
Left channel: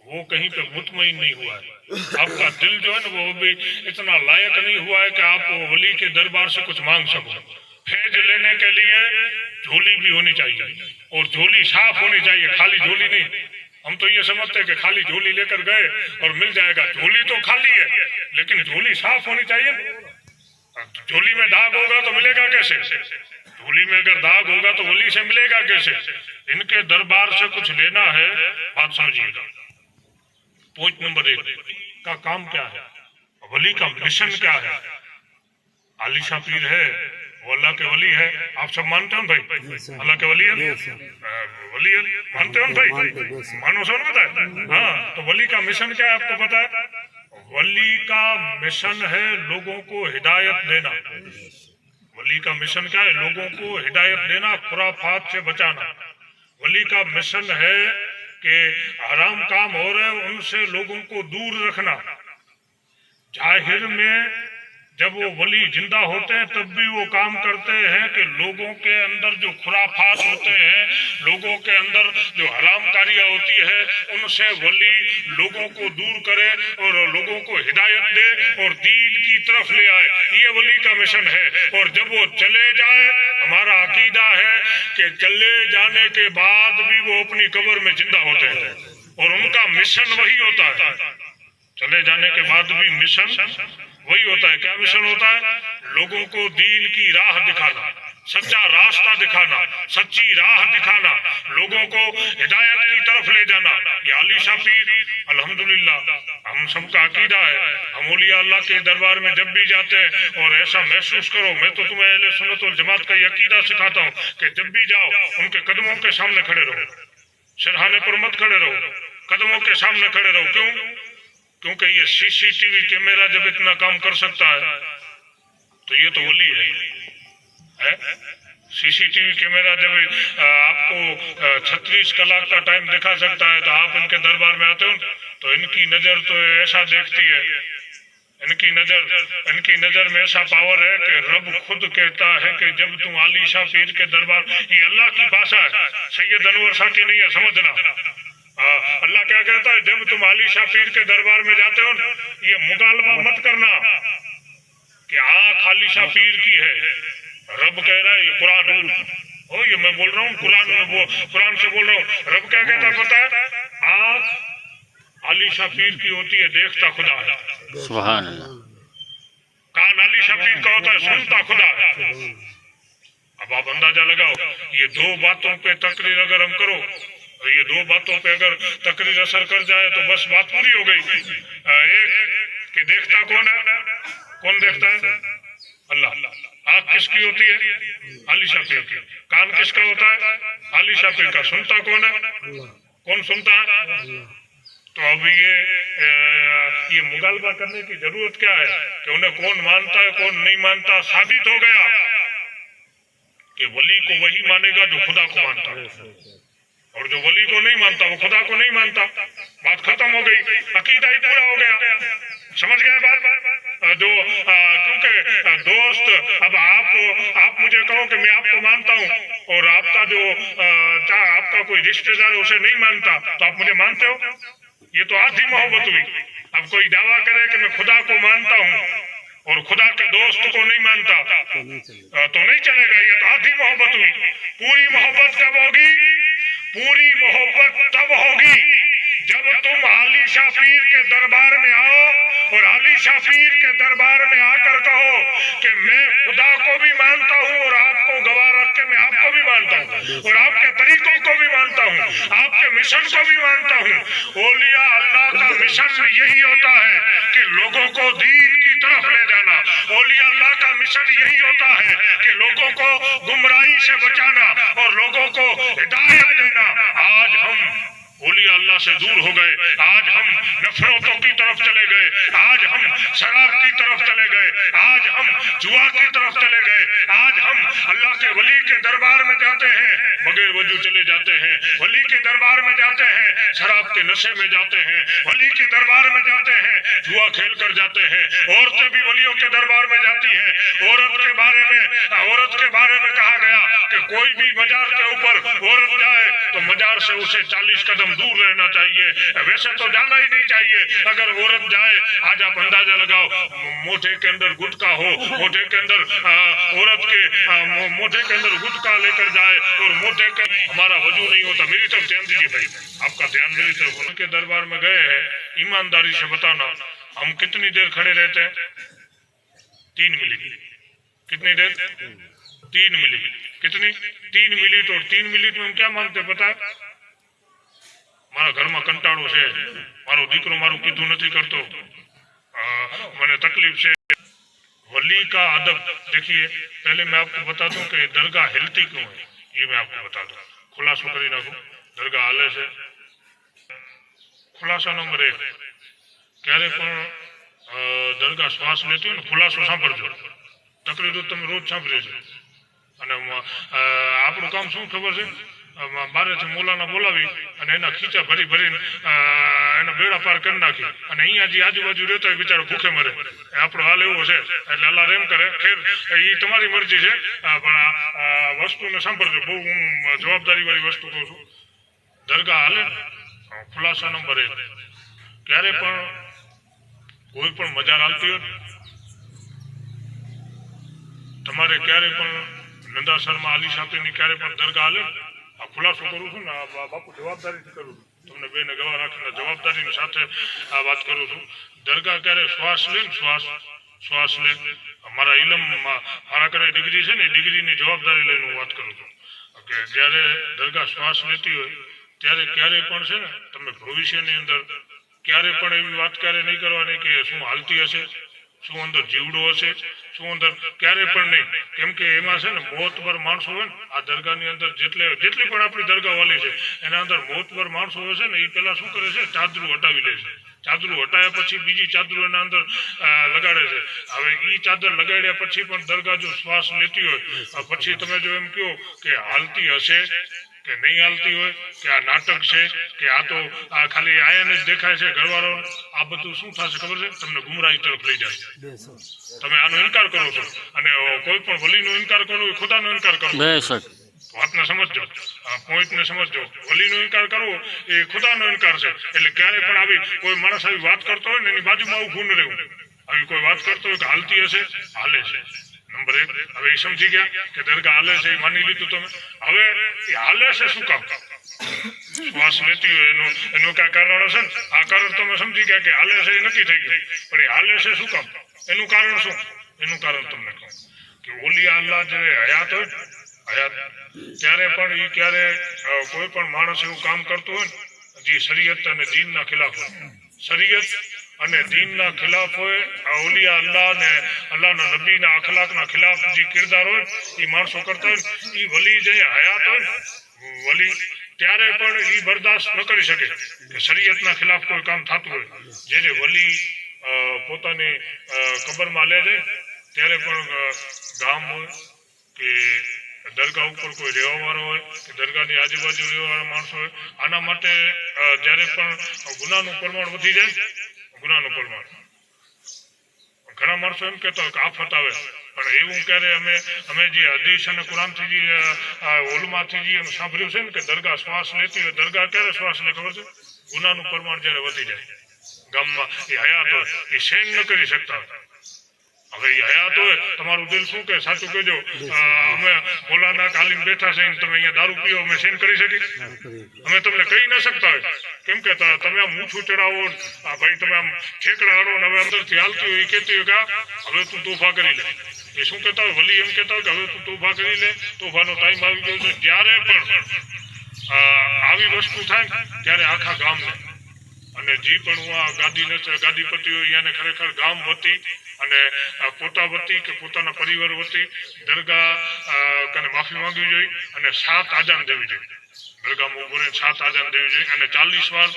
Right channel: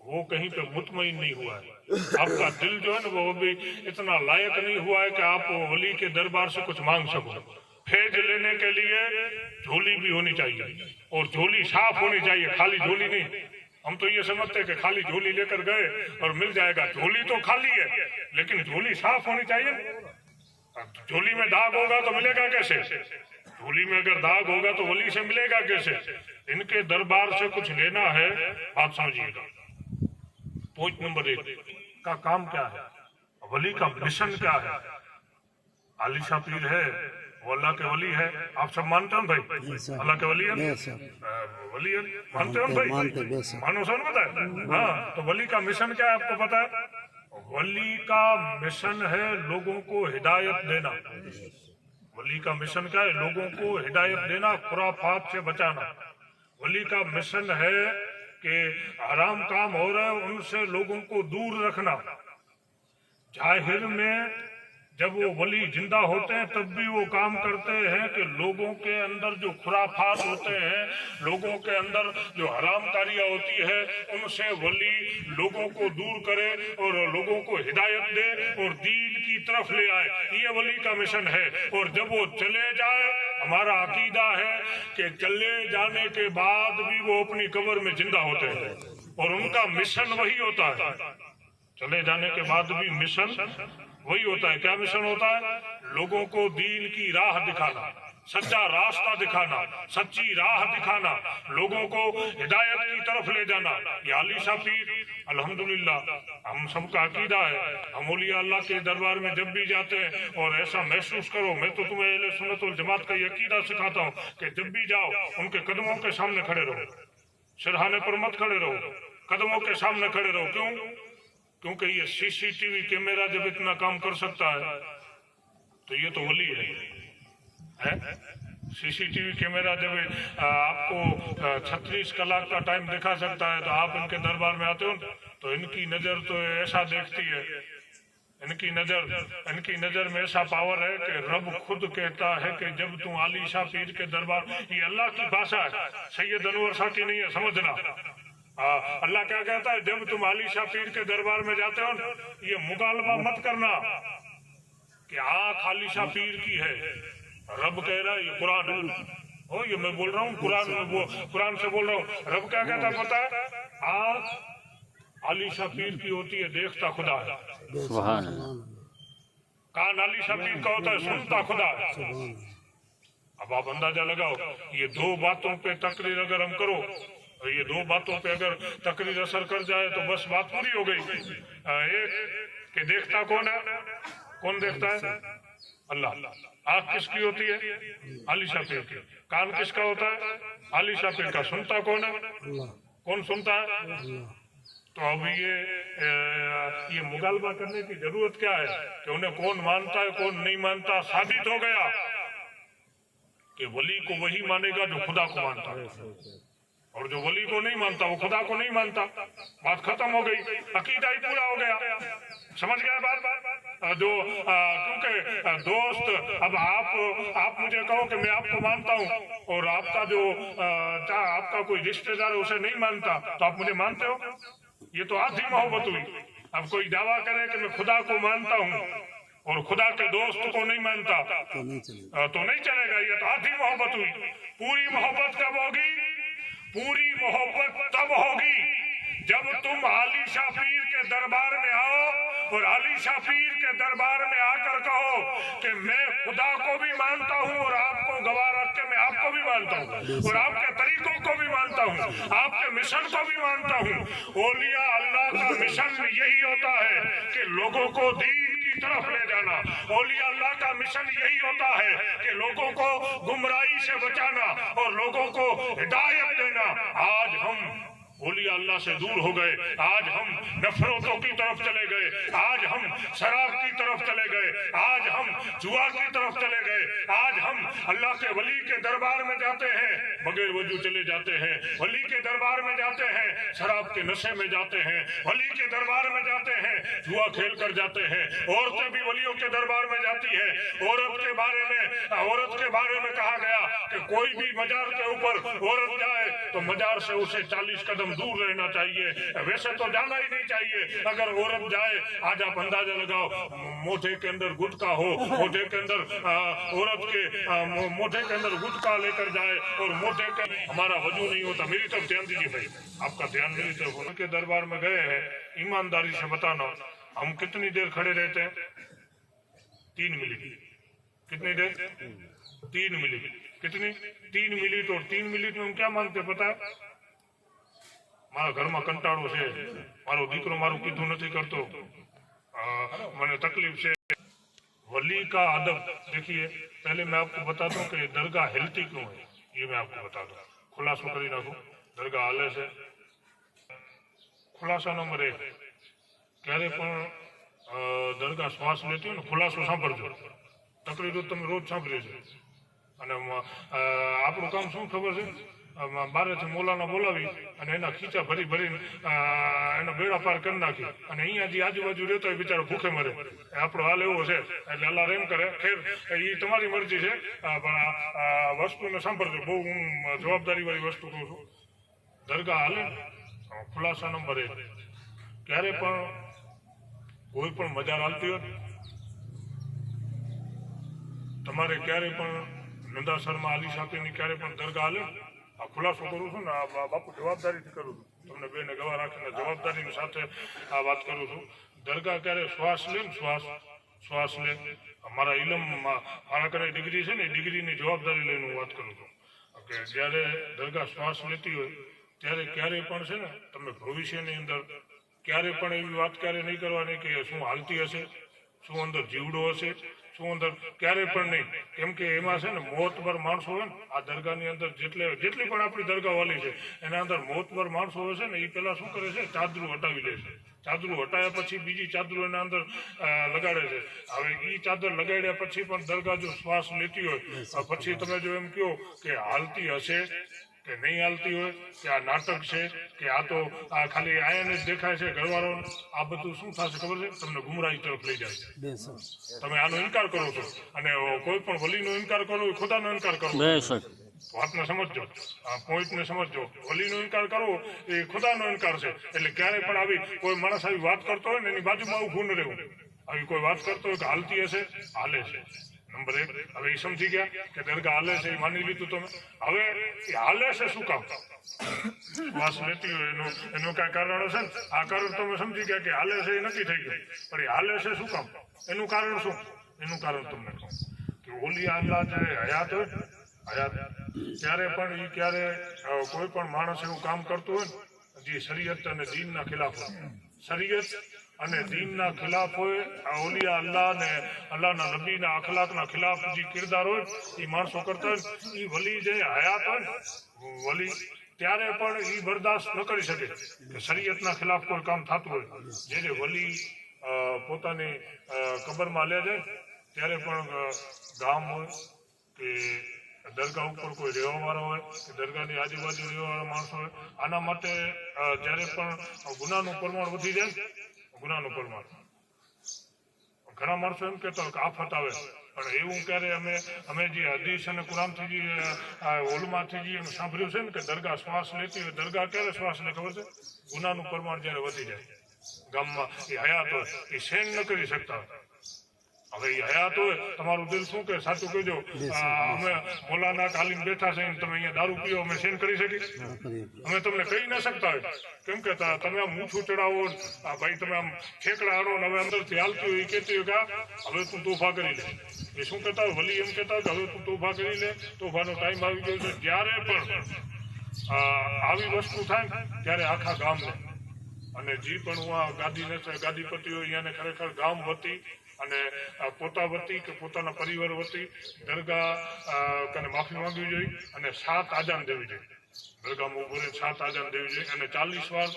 वो कहीं पे मुतमईन नहीं हुआ है। आपका दिल जो है ना वो भी इतना लायक नहीं हुआ है कि आप वली के दरबार से कुछ मांग सको। फैज लेने के लिए झोली भी होनी चाहिए और झोली साफ होनी चाहिए, खाली झोली नहीं। हम तो ये समझते हैं कि खाली झोली लेकर गए और मिल जाएगा। झोली तो खाली है लेकिन झोली साफ होनी चाहिए। झोली में दाग होगा तो मिलेगा कैसे? झोली में अगर दाग होगा तो वली से मिलेगा कैसे? इनके दरबार से कुछ लेना है। बात समझिएगा। पॉइंट नंबर 1 का काम क्या है, वली का मिशन क्या है? आली शाह पीर है, وہ اللہ کے ولی ہے. آپ سب مانتے ہو بھائی اللہ کے ولی ہے؟ ولی مانتے ہو بھائی؟ مانو سو پتا ہے. ہاں تو ولی کا مشن کیا ہے آپ کو پتا ہے؟ ولی کا مشن ہے لوگوں کو ہدایت دینا. ولی کا مشن کیا ہے؟ لوگوں کو ہدایت دینا, خرافات سے بچانا. ولی کا مشن ہے کہ حرام کام ہو رہے ہیں ان سے لوگوں کو دور رکھنا. ظاہر میں جب وہ ولی زندہ ہوتے ہیں تب بھی وہ کام کرتے ہیں کہ لوگوں کے اندر جو خرافات ہوتے ہیں, لوگوں کے اندر جو حرام کاریاں ہوتی ہے, ان سے ولی لوگوں کو دور کرے اور لوگوں کو ہدایت دے اور دین کی طرف لے آئے. یہ ولی کا مشن ہے. اور جب وہ چلے جائے, ہمارا عقیدہ ہے کہ چلے جانے کے بعد بھی وہ اپنی قبر میں زندہ ہوتے ہیں اور ان کا مشن وہی ہوتا ہے. چلے جانے کے بعد بھی مشن وہی ہوتا ہے. کیا مشن ہوتا ہے؟ لوگوں کو دین کی راہ دکھانا, سچا راستہ دکھانا, سچی راہ دکھانا, لوگوں کو ہدایت کی طرف لے جانا. یہ علی شاہ پیر الحمدللہ ہم سب کا عقیدہ ہے. ہم اولیاء اللہ کے دربار میں جب بھی جاتے ہیں اور ایسا محسوس کرو, میں تو تمہیں اہل سنت والجماعت کا یہ عقیدہ سکھاتا ہوں کہ جب بھی جاؤ ان کے قدموں کے سامنے کھڑے رہو, سرہانے پر مت کھڑے رہو, قدموں کے سامنے کھڑے رہو. کیوں؟ کیونکہ یہ سی سی ٹی وی کیمرہ جب اتنا کام کر سکتا ہے تو یہ تو ولی ہے. سی سی ٹی وی کیمرہ جب آپ کو 36 کلاک کا ٹائم دکھا سکتا ہے تو آپ ان کے دربار میں آتے ہو تو ان کی نظر تو ایسا دیکھتی ہے, ان کی نظر میں ایسا پاور ہے کہ رب خود کہتا ہے کہ جب تم علی شاہ پیر کے دربار, یہ اللہ کی بھاشا ہے, سید انور شاہ کی نہیں ہے, سمجھنا. اللہ کیا کہتا ہے؟ جب تم علی شاہ پیر کے دربار میں جاتے ہو یہ مغالبہ مت کرنا کہ آنکھ علی شاہ پیر کی ہے. رب کہہ رہا ہے, یہ قرآن ہو, یہ میں بول رہا ہوں قرآن سے بول رہا ہوں. رب کیا کہتا ہے پتا ہے؟ آنکھ علی شاہ پیر کی ہوتی ہے, دیکھتا خدا ہے. سبحان اللہ. کان علی شاہ پیر کا ہوتا ہے, سنتا خدا ہے. اب آپ اندازہ لگاؤ, یہ دو باتوں پہ تقریر اگر ہم کرو, یہ دو باتوں پہ اگر تقریر اثر کر جائے تو بس بات پوری ہو گئی. ایک کہ دیکھتا کون ہے؟ کون دیکھتا ہے؟ اللہ. آنکھ کس کی ہوتی ہے؟ علی شاہ پیر کی. کان کس کا ہوتا ہے؟ علی شاہ پیر کا. سنتا کون ہے؟ کون سنتا ہے؟ تو اب یہ مغالبہ کرنے کی ضرورت کیا ہے کہ انہیں کون مانتا ہے کون نہیں مانتا؟ ثابت ہو گیا کہ ولی کو وہی مانے گا جو خدا کو مانتا ہے, اور جو ولی کو نہیں مانتا وہ خدا کو نہیں مانتا. بات ختم ہو گئی, عقیدہ ہی پورا ہو گیا. سمجھ گئے بات؟ جو کیونکہ دوست, اب آپ مجھے کہو کہ میں آپ کو مانتا ہوں اور آپ کا جو آپ کا کوئی رشتہ دار اسے نہیں مانتا تو آپ مجھے مانتے ہو؟ یہ تو آدھی محبت ہوئی. اب کوئی دعویٰ کرے کہ میں خدا کو مانتا ہوں اور خدا کے دوست کو نہیں مانتا تو نہیں چلے گا. یہ تو آدھی محبت ہوئی. پوری محبت کب ہوگی؟ پوری محبت تب ہوگی جب تم علی شاہ پیر کے دربار میں آؤ اور علی شاہ پیر کے دربار میں آ کر کہو کہ میں خدا کو بھی مانتا ہوں اور آپ کو گواہ رکھ کے میں آپ کو بھی مانتا ہوں اور آپ کے طریقوں کو بھی مانتا ہوں, آپ کے مشن کو بھی مانتا ہوں. اولیاء اللہ کا مشن یہی ہوتا ہے کہ لوگوں کو دین کی طرف لے جانا. اولیاء اللہ کا مشن یہی ہوتا ہے کہ لوگوں کو گمراہی سے بچانا اور لوگوں کو ہدایت دینا. آج ہم اولیاء اللہ سے دور ہو گئے, آج ہم نفرتوں کی طرف چلے گئے, آج ہم شراب کی طرف چلے گئے, آج ہم جوا کی طرف چلے گئے, آج ہم اللہ کے ولی کے دربار میں جاتے ہیں بغیر وضو چلے جاتے ہیں, ولی کے دربار میں جاتے ہیں شراب کے نشے میں جاتے ہیں, ولی کے دربار میں جاتے ہیں جوا کھیل کر جاتے ہیں. عورتیں بھی ولیوں کے دربار میں جاتی ہیں. عورت کے بارے میں کہا گیا کہ کوئی بھی مزار کے اوپر عورت جائے تو مزار سے اسے 40 قدم دور رہنا چاہیے. ویسے تو جانا ہی نہیں چاہیے. اگر عورت جائے, آج آپ اندازہ لگاؤ, موٹے کے اندر گٹکا ہو, موٹے کے اندر عورت کے موٹے کے اندر گٹکا لے کر جائے اور موٹے کا ہمارا وضو نہیں ہوتا. میری طرف دھیان دیجیے بھائی, آپ کا دھیان میری طرف. ان کے دربار میں گئے ہیں, ایمانداری سے بتانا ہم کتنی دیر کھڑے رہتے ہیں؟ 3 منٹ. کتنی دیر؟ 3 منٹ. کتنی؟ 3 منٹ. اور 3 منٹ میں ہم کیا مانگتے پتا ہے؟ મારા ઘરમાં કંટાળો છે, મારો દીકરો મારું કીધું નથી કરતો, મને તકલીફ છે, वली का अदब देखिए, पहले मैं आपको बता दूं कि दरगाह हिलती क्यों है, ये मैं आपको बता दूं। खुलासो करी नाखो दरगाह हाले से। खुलासा नंबर 1, क्यारे पण दरगाह श्वास लेती हो ने खुलासो सांभळजो। तकरीर तो તમે રોજ સાંભળી છે અને આપણું કામ શું ખબર છે, બહારેથી મોલાના બોલાવી અને એના ખીચા ભરી ભરીને એના બેડા પાર કરી નાખી અને અહીંયા જે આજુબાજુ રહેતો હોય બિચારો ભૂખે મરે, આપણો હાલ એવો છે। એટલે અલ્લાહ રેમ કરે, ખેર એ તમારી મરજી છે, પણ આ વસ્તુને સાંભળજો, બહુ હું જવાબદારીવાળી વસ્તુ કહું છું। દરગાહ હાલે ખુલાસા નંબર 1, ક્યારે પણ કોઈ પણ મજાર હાલતી હોય તમારે ક્યારે પણ નંદાસરમાં આલી સાથેની ક્યારે પણ દરગાહ હાલે, આ ખુલાસો કરું છું ને, આ બાપુ જવાબદારીથી કરું છું, તમને બેને ગવા રાખીને જવાબદારીની સાથે આ વાત કરું છું। દરગાહ ક્યારે શ્વાસ લે ને શ્વાસ લે, અમારા ઇલમમાં મારા ઘરે ડિગ્રી છે ને, ડિગ્રીની જવાબદારી લઈને હું વાત કરું છું કે જ્યારે દરગાહ શ્વાસ લેતી હોય ત્યારે ક્યારે પણ છે ને તમે ભવિષ્યની અંદર ક્યારે પણ એવી વાત ક્યારે નહીં કરવાની કે શું હાલતી હશે, શું અંદર જીવડો હશે, શું અંદર ક્યારે પણ નહીં। કેમ કે એમાં છે ને મોતબર માણસો હોય ને, આ દરગાહની અંદર જેટલી પણ આપણી દરગાહ વાલી છે એના અંદર મોતબર માણસો હોય છે ને, એ પેલા શું કરે છે, ચાદરું હટાવી લે છે। ચાદરું હટાવ્યા પછી બીજી ચાદરું એના અંદર લગાડે છે। હવે એ ચાદર લગાડ્યા પછી પણ દરગાહ જો શ્વાસ લેતી હોય પછી તમે જો એમ કહો કે હાલતી હશે કે નહીં હાલતી હોય, કે આ નાટક છે, કે આ તો આ ખાલી આયાને જ દેખાય છે ઘરવાળાઓને, આ બધું શું થશે ખબર છે, તમને ગુમરાહી તરફ લઈ જાય। તમે આનો ઇનકાર કરો છો અને કોઈ પણ વલીનો ઇનકાર કરો એ ખુદાનો ઇનકાર કરો। વાતને સમજજો, પોઈન્ટને સમજજો, વલીનો ઇનકાર કરવો એ ખુદાનો ઇનકાર છે। એટલે ક્યારે પણ આવી કોઈ માણસ આવી વાત કરતો હોય ને એની બાજુમાં ઊભું ન રહેવું। આવી કોઈ વાત કરતો હોય કે હાલતી હશે, હાલે છે, નંબર 1। હવે એ સમજી ગયા કે દરગાહ હાલે છે, એ માની લીધું તમે। હવે એ હાલે છે શું કામ, શ્વાસ લેતી હોય એનું કાંઈ કારણ હશે ને, આ કારણ તમે સમજી ગયા કે હાલે છે એ નક્કી થઈ ગયું, પણ એ હાલે છે શું કામ, એનું કારણ શું, એનું કારણ તમને કહું કે ઓલિયા અલ્લાહ જ્યારે હયાત હોય હયાત ત્યારે પણ એ ક્યારે કોઈ પણ માણસ એવું કામ કરતું હોય ને જે શરીયત અને દીનના ખિલાફ હોય, શરીયત અને દીનના ખિલાફ હોય, ઓલિયા અલ્લાહ ને અલ્લાહના નબીના અખલાકના ખિલાફ જે કિરદાર હોય એ માણસો કરતા હોય, એ વલી જે હયાત હોય ને વલી ત્યારે પણ એ બરદાસ્ત ન કરી શકે કે શરીયતના ખિલાફ કોઈ કામ થતું હોય। જ્યારે વલી પોતાની કબરમાં લે જાય ત્યારે પણ ગામ હોય કે દરગાહ ઉપર કોઈ રહેવાવાળો હોય કે દરગાહની આજુબાજુ રહેવાવાળા માણસો હોય, આના માટે જ્યારે પણ ગુનાનું પ્રમાણ વધી જાય, ગુનાનું પ્રમાણ, ઘણા માણસો એમ કહેતા હોય કે આફત આવે, પણ એવું ક્યારે અમે જે હદીસ અને કુરાનથી જે ઓલમાંથી જે સાંભળ્યું છે ને કે દરગાહ શ્વાસ લેતી હોય, દરગાહ ક્યારે શ્વાસ લે ખબર છે, ગુનાનું પ્રમાણ જ્યારે વધી જાય ગામમાં, એ હયાત હોય એ સહન ન કરી શકતા હોય। હવે એ હયાત હોય, તમારું દિલ શું કે સાચું કહેજો, અમે મોલાના કાલીન બેઠા છે તમે અહીંયા દારૂ પીઓ, અમે સહન કરી શકીએ, અમે તમને કહી ન શકતા હોય। કેમ કે તમે આમ ઊંચું ચડાવો, ભાઈ તમે આમ ઠેકડા હાડો ને હવે અંદરથી હાલતી હોય એ કહેતી હોય કે હવે તું તોફા કરી લે, એ શું કહેતા હોય વલી એમ કહેતા હોય કે હવે તું તોફા કરી લે, તોફાનો ટાઈમ આવી ગયો છે। જ્યારે પણ આવી વસ્તુ થાય ત્યારે આખા ગામને અને જે પણ હું આ ગાદીપતિ હોય એને ખરેખર ગામ વતી અને પોતા વતી કે પોતાના પરિવાર વતી દરગાહ કને માફી માંગવી જોઈએ અને 7 આજાન દેવી જોઈએ, દરગાહમાં ઉભો રહીને 7 આજાન દેવી જોઈએ અને 40 વાર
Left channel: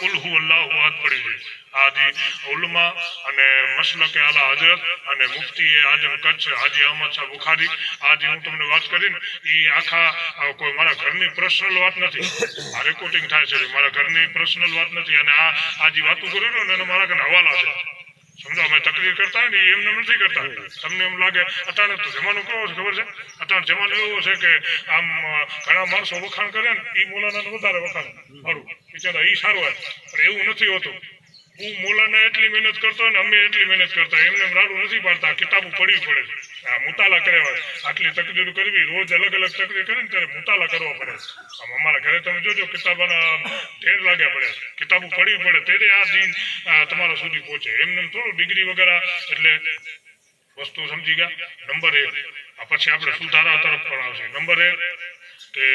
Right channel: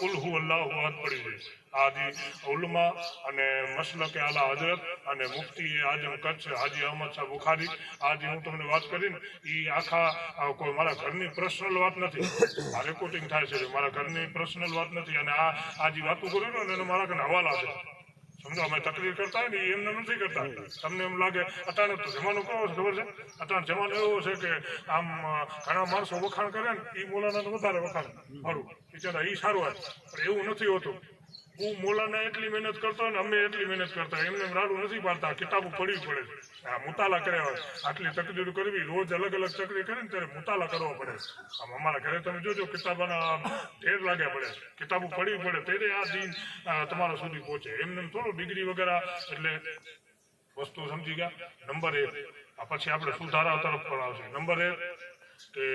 કુલ હુ અલ્લાહુ અહદ પડી જોઈએ। આજી ઉલમા અને મસલકે આલા હજરત અને મુફ્તી આઝમ કચ્છ હાજી અહમદ શાહ બુખારી, આજે હું તમને વાત કરીને એ આખા કોઈ મારા ઘરની પર્સનલ વાત નથી, આ રેકોર્ડિંગ થાય છે, મારા ઘરની પર્સનલ વાત નથી અને આ જે વાતો કરું ને એનો મારા કને હવાલા છે, સમજો। અમે તકરીર કરતા હોય ને એમને નથી કરતા, તમને એમ લાગે અટાણે તો જમાનો કેવો છે ખબર છે, અટાણે જમાનો એવો છે કે આમ ઘણા માણસો વખાણ કરે ને એ મોલાના વધારે વખાણ સારું બિચારા એ સારું હોય, પણ એવું નથી હોતું। હું મોલાને એટલી મહેનત કરતો હોય ને અમે એટલી મહેનત કરતા, એમને રાડું નથી પાડતા, કિતાબો પડવી પડે, મુતાલા કર્યા હોય, આટલી તકરીર કરવી, રોજ અલગ અલગ તકરીર કરે ને ત્યારે મુતાલા કરવા પડે। આમ અમારા ઘરે તમે જોજો કિતાબોના ઢેર લાગ્યા પડે, કિતાબો પડવી પડે ત્યારે આ દિન તમારા સુધી પહોંચે, એમને થોડું ડિગ્રી વગેરે, એટલે વસ્તુ સમજી ગયા। નંબર 1 પછી આપણે સુધારા તરફ પણ આવશે। નંબર 1 કે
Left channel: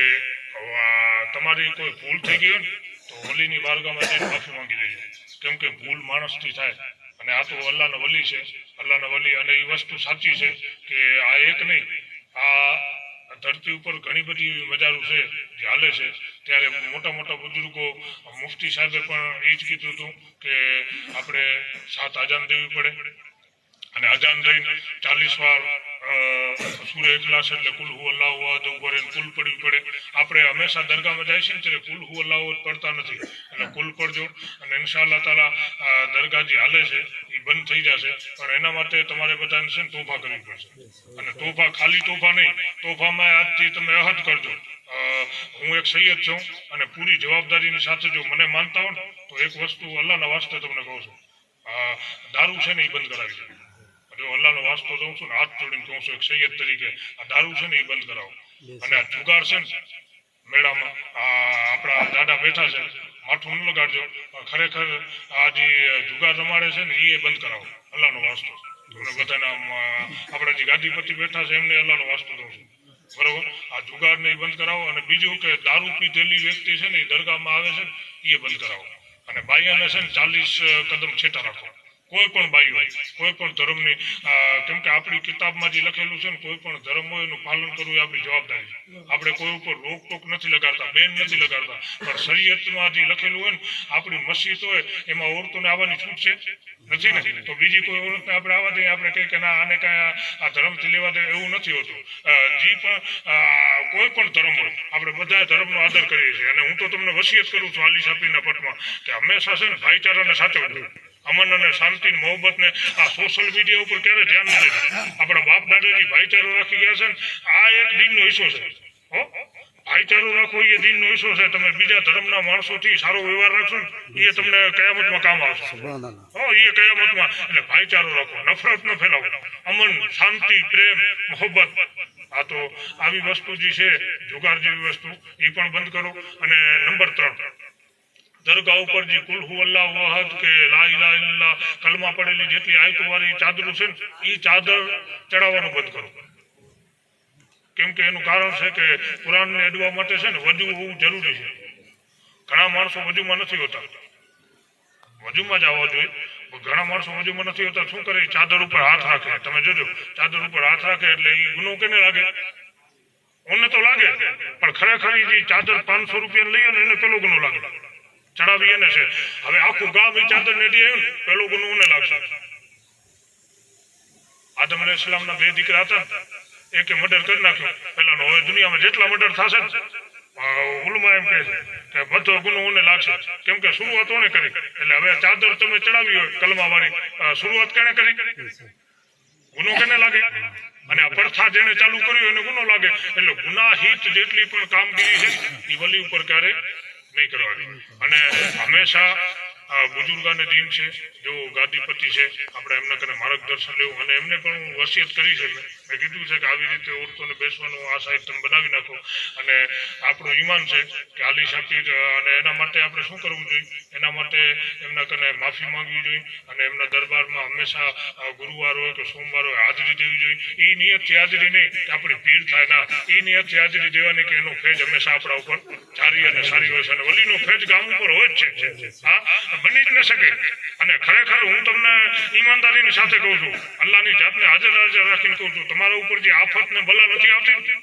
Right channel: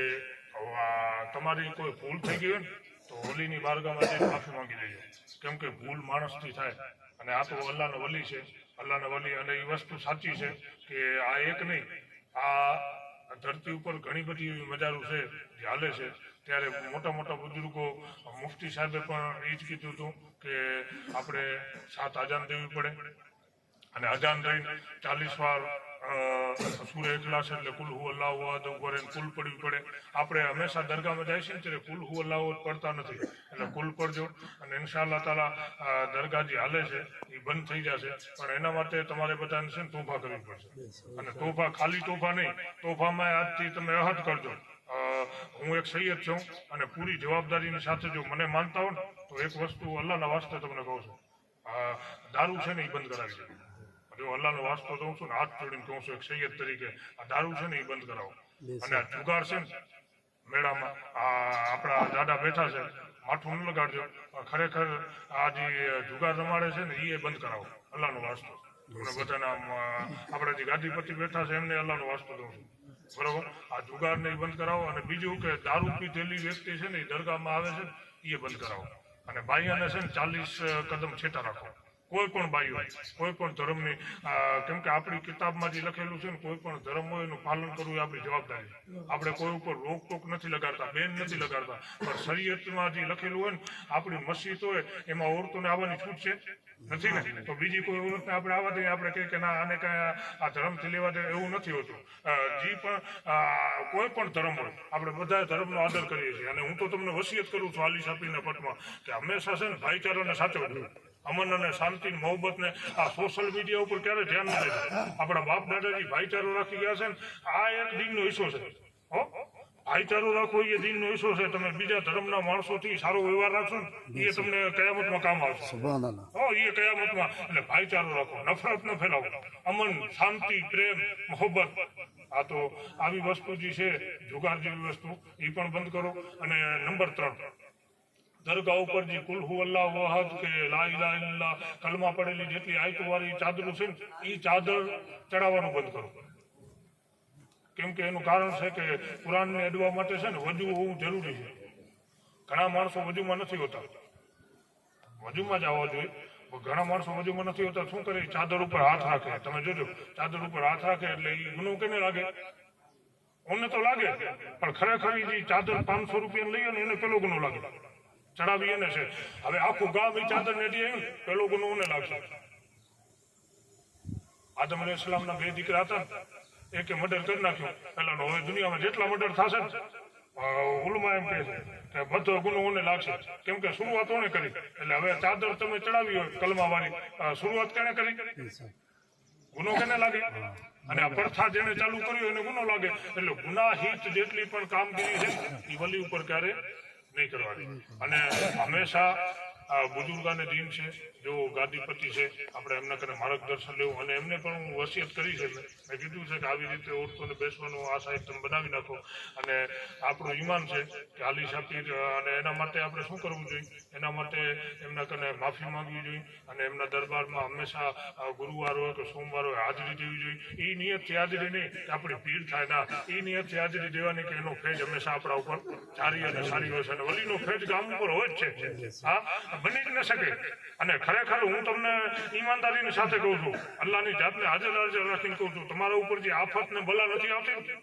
તમારી કોઈ ભૂલ થઈ ગઈ હોય ને તો હોલીની બારગાહમાં જઈને માફી માંગી લેજો, કેમ કે ભૂલ માણસથી થાય અને આ તો અલ્લાહના વલી છે, અલ્લાહના વલી. અને એ વસ્તુ સાચી છે કે આ એક નહીં, આ ધરતી ઉપર ઘણી બધી મજારું છે જે હાલે છે. ત્યારે મોટા મોટા બુજુર્ગો, મુફ્તી સાહેબે પણ એ જ કીધું હતું કે આપણે 7 અજાન દેવી પડે અને અજાન દઈને 40 વાર સૂરે ઇખલાસ એટલે કુલ હુ અલ્લાહુ અહદ ઉપર કુલ પડવી પડે. આપણે હંમેશા દરગાહમાં જાય છે ને ત્યારે કુલ હુ અલ્લાહુ અહદ પડતા નથી, એટલે કુલ પડજો. અને ઇન્શાઅલ્લાહ તાલા દરગાહ જે હાલે છે એ બંધ થઈ જશે, પણ એના માટે તમારે બધાને છે ને તોફા કરવી પડશે. અને તોફા ખાલી તોફા નહીં, તોફામાં આજથી તમે અહદ કરજો હું એક સૈયદ છું અને પૂરી જવાબદારીની સાથે જો મને માનતા હો ને તો એક વસ્તુ અલ્લાહના વાસ્તે તમને કહું છું, દારૂ છે ને એ બંધ કરાવી દો. જો અલ્લાહનો વાસ્તો દઉં છું ને હાથ જોડીને કહું છું એક સૈયદ તરીકે, આ દારૂ છે ને એ બંધ કરાવો. અને આ જુગાર છે ને મેળામાં આપણા દાદા બેઠા છે, માથું ન લગાડજો, ખરેખર આ જે જુગાર રમાડે છે ને એ બંધ કરાવો અલ્લાહનો વાસ્તો. તમને બધાના આપણા જે ગાદીપતિ બેઠા છે એમને અલ્લાહનો વાસ્તો દઉં છું, બરોબર. આ જુગારને એ બંધ કરાવો. અને બીજું કે દારૂ પીધેલી વ્યક્તિ છે ને એ દરગાહમાં આવે છે એ બંધ કરાવો. અને બાઈયાને છે ને 40 કદમ છેટા રાખો, કોઈ પણ બાઈ હોય, કોઈ પણ ધર્મની. કેમ કે આપણી કિતાબમાં જે લખેલું છે ને કોઈ પણ ધર્મ હોય એનું પાલન કરવું એ આપણી જવાબદારી છે. આપણે કોઈ ઉપર રોકટોક નથી લગાડતા, બેન નથી લગાડતા, પણ શરીયતમાં જે લખેલું હોય ને, આપણી મસ્જિદ હોય એમાં ઓરતોને આવવાની છૂટ છે નથી ને, તો બીજી કોઈ ઓરતને આપણે આવવા દઈએ, આપણે કહીએ કે ના આને કાંઈ આ ધર્મથી લેવા દે, એવું નથી હોતું. જે પણ કોઈ પણ ધર્મ હોય આપણે બધા ધર્મનો આદર કરીએ છીએ. અને હું તો તમને વસિયત કરું છું આલી સાપીના પટમાં કે હંમેશા છે ને ભાઈચારાને સાચવજો, અમન અને શાંતિ મોહબ્બત ને. આ સોશિયલ મીડિયા ઉપર ક્યારે ધ્યાન નથી દેતું. આપણા બાપ દાદાજી ભાઈચારો રાખી ગયા છે ને, આ એક દિનનો હિસ્સો છે. ભાઈચારો રાખવો એ દિનનો હિસ્સો છે. તમે બીજા ધર્મના માણસોથી સારો વ્યવહાર રાખશો ને એ તમને કયામતમાં કામ આવશે. એ કયામતમાં. એટલે ભાઈચારો રાખો, નફરત ન ફેલાવો, અમન શાંતિ પ્રેમ મોહબ્બત. આ તો આવી વસ્તુ જે છે જુગાર જેવી વસ્તુ એ પણ બંધ કરો. અને નંબર 3, દરગાહ ઉપર જે કુલ હુ અલ્લાહુ અહદ કે લા ઇલાહા ઇલ્લલ્લાહ કલમા પડેલી જેટલી આયતો વાળી ચાદરો છે ને એ ચાદર ચડાવવાનું બંધ કરો. કેમ કે એનું કારણ છે કે કુરાનને અડવા માટે છે ને વજુ હોવું જરૂરી છે. ઘણા માણસો વજુમાં નથી હોતા, વજુમાં જ આવવા જોઈએ. ઘણા માણસો વજુમાં નથી હોતા, શું કરે ચાદર ઉપર હાથ રાખે. તમે જોજો ચાદર ઉપર હાથ રાખે એટલે એ ગુનો કેને લાગે? ઓને તો લાગે, પણ ખરેખર જે ચાદર 500 રૂપિયા લઈએ ને એને પેલો ગુનો લાગે, ચડાવી એને છે. હવે આખું ગામ એ ચાદર ને આવ્યું ને પેલો ગુનો ઓને લાગશે. આદમ અલૈહિસ્સલામના 2 દીકરા હતા, એકે મર્ડર કરી નાખ્યો પેલાનો. હવે દુનિયામાં જેટલા મર્ડર થશે ને ઉલમા એમ કહે છે કે બધો ગુનો ઓને લાગશે, કેમ કે શરૂઆત ઓને કરી. એટલે હવે ચાદર તમે ચડાવી હોય કલમા વાળી, શરૂઆત કેને કરી? ગુનો કેને લાગે? અને આ પ્રથા જેને ચાલુ કર્યું એને ગુનો લાગે. એટલે ગુનાહિત જેટલી પણ કામગીરી છે એ વલી ઉપર ક્યારે નહીં કરવાની. અને હંમેશા બુજુર્ગાને દીન છે, જો ગાદીપતિ છે, આપણે એમના કને માર્ગદર્શન લેવું. અને એમને પણ હું વસિયત કરી છે, મેં કીધું છે કે આવી રીતે ઓરતોને બેસવાનું આ સાહેબ તમે બનાવી નાખો. અને આપણું ઈમાન છે કે આલી શાપીર, અને એના માટે આપણે શું કરવું જોઈએ? એના માટે એમના કને માફી માંગવી જોઈએ. અને એમના દરબારમાં હંમેશા ગુરુવાર હોય કે સોમવાર હોય હાજરી દેવી જોઈએ. એ નિયતથી હાજરી નહીં કે આપણી ભીડ થાય, ના, એ નિયતથી હાજરી દેવાની કે એનો ફેજ હંમેશા આપણા ઉપર સારી અને સારી હોય છે. અને વલીનો ફેજ ગામ ઉપર હોય જ છે. હા, બની જ ન શકે. અને ખરેખર હું તમને ઈમાનદારીની સાથે કહું છું, અલ્લાહની જાતને હાજર રાખીને કહું છું, તમારા ઉપર જે આફત ને બલા નથી આવતી,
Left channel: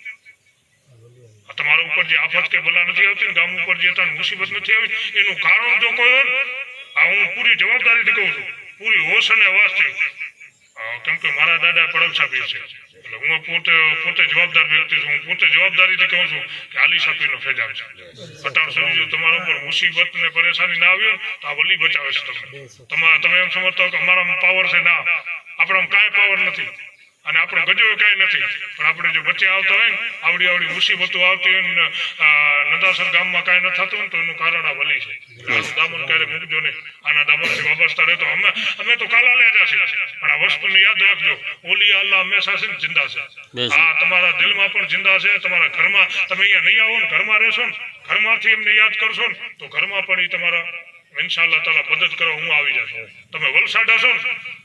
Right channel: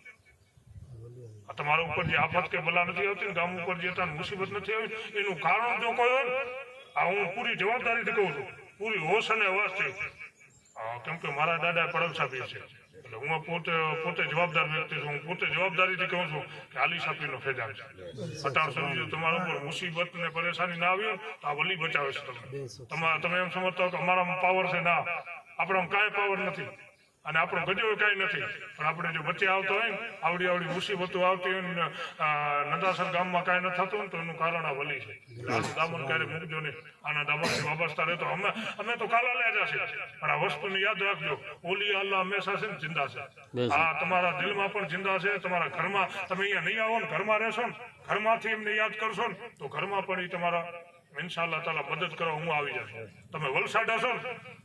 તમારા ઉપર જે આફત કે બલા નથી આવતી ને, ગામ ઉપર જે મુસીબત નથી આવી, એનું કારણ જો કોઈ હોય, આ હું પૂરી જવાબદારીથી કહું છું, પૂરી હોશ અને અવાજથી. કેમ કે મારા દાદા પડલસા પીર છે, એટલે હું પોતે જવાબદાર વ્યક્તિ છું. હું પોતે જવાબદારીથી કહું છું કે આલી સાપીનો ફેજાબ છે. અટાણ સમજો તમારા ઉપર મુસીબત ને પરેશાની ના આવી તો આ વલી બચાવે છે તમને. તમે એમ સમજતા હો કે અમારામાં પાવર છે, ના, આપણામાં કાંઈ પાવર નથી. અને આપણો ગજો કાંઈ નથી, પણ આપણે જો વચ્ચે આવતો હોય ને આવડી મુસીબતો આવતી હોય ને નદાસર ગામમાં કાંઈ ન થતું ને તો એનું કારણ આ વલી છે. આનું દામન ક્યારે મૂકજો નહીં, આના દામનથી વાબસ્તા રહેતો. અમે તો કાલા લ્યા જશે, પણ આ વસ્તુને યાદ રાખજો, ઓલી અલ્લાહ હંમેશા છે ને જિંદા છે. આ તમારા દિલમાં પણ જિંદા છે, તમારા ઘરમાં. તમે અહીંયા નહીં આવો ને, ઘરમાં રહેશો ને, ઘરમાંથી એમને યાદ કરશો ને તો ઘરમાં પણ એ તમારા ઇન્શાઅલ્લાહ તાલા મદદ કરવા હું આવી જશે. તમે વલસાડ હશો ને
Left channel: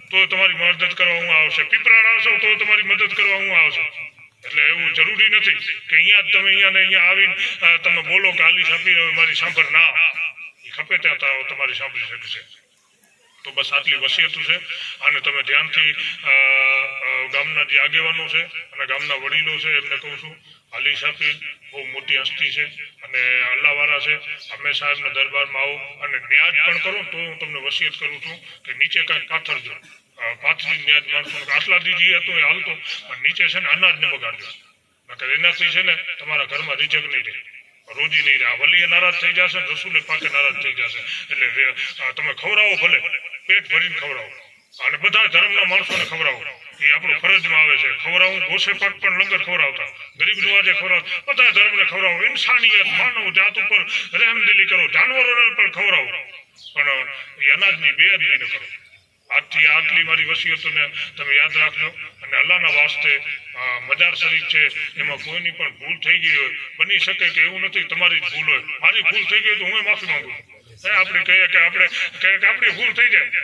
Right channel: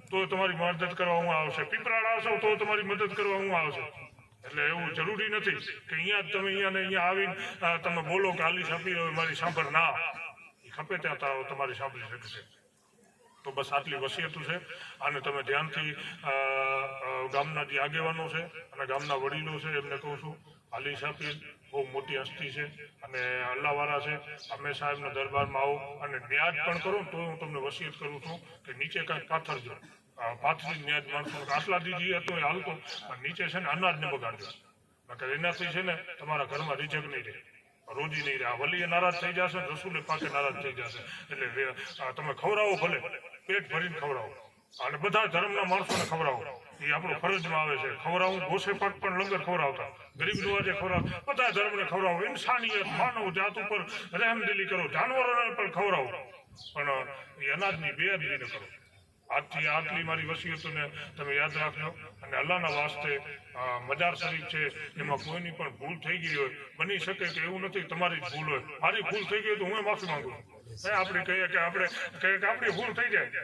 તો તમારી મદદ કરવા હું આવશે, પીપળાડ આવશો તો તમારી મદદ કરવા હું આવશે. એટલે એવું જરૂરી નથી કે અહીંયા જ તમે અહીંયા આવીને તમે બોલો કે આલી સાપી મારી સાંભળ, ના, એ ખપે ત્યાં તમારી સાંભળી શકશે. તો બસ આટલી વસિયત છે. અને તમે ધ્યાનથી ગામના જે આગેવાનો છે અને ગામના વડીલો છે એમને કહું છું, અલી સાપીર બહુ મોટી હસ્તી છે અને અલ્લાહવાળા છે. હંમેશા એમના દરબારમાં આવો અને ન્યાજ પણ કરો તો હું તમને વસિયત કરું છું કે નીચે કાંઈક પાથરજો, પાથરી ન્યાજ માણસો આટલા દીધી હતો એ હાલતો, પણ નીચે છે ને અનાજને બગાડજો, નકર એનાથી છે ને તમારા ઘરમાં રિજક નહીં રહે, રોજી નહીં રહે. વલીએ નારાજ થઈ જશે, રસૂલે પાકે નારાજ થઈ જશે. એટલે તમે ખવડાવો, ભલે પેટ ભરીને ખવડાવો અને બધા ધર્મના માણસોને ખવડાવો, એ આપણું ફરજમાં આવે છે. ખવડાવું ગોસે પાક પણ લંગર ખવડાવતા, ગરીબ નવાજે ખવડાવતા, બધા ધર્મને ખવડાવો. ઇન્સાનિયત, માનવ જાત ઉપર રહેમદિલી કરો, જાનવરોને પણ ખવડાવો, પણ એ અનાજની બેઅદબી ન કરો. આજથી આટલી મારી વસિયતોને તમે યાદ રાખજો. અને અલ્લાહના વાસ્તે મજાર શરીફ છે, એમાં કોઈની પણ ભૂલ થઈ ગઈ હોય, બની શકે કે એવું નથી તમારી જ ભૂલ હોય, મારી ભૂલ થઈ ગઈ તો હું માફી માંગુ છું. આપણે કહીએ કે આપણી ભૂલ થઈ જાય,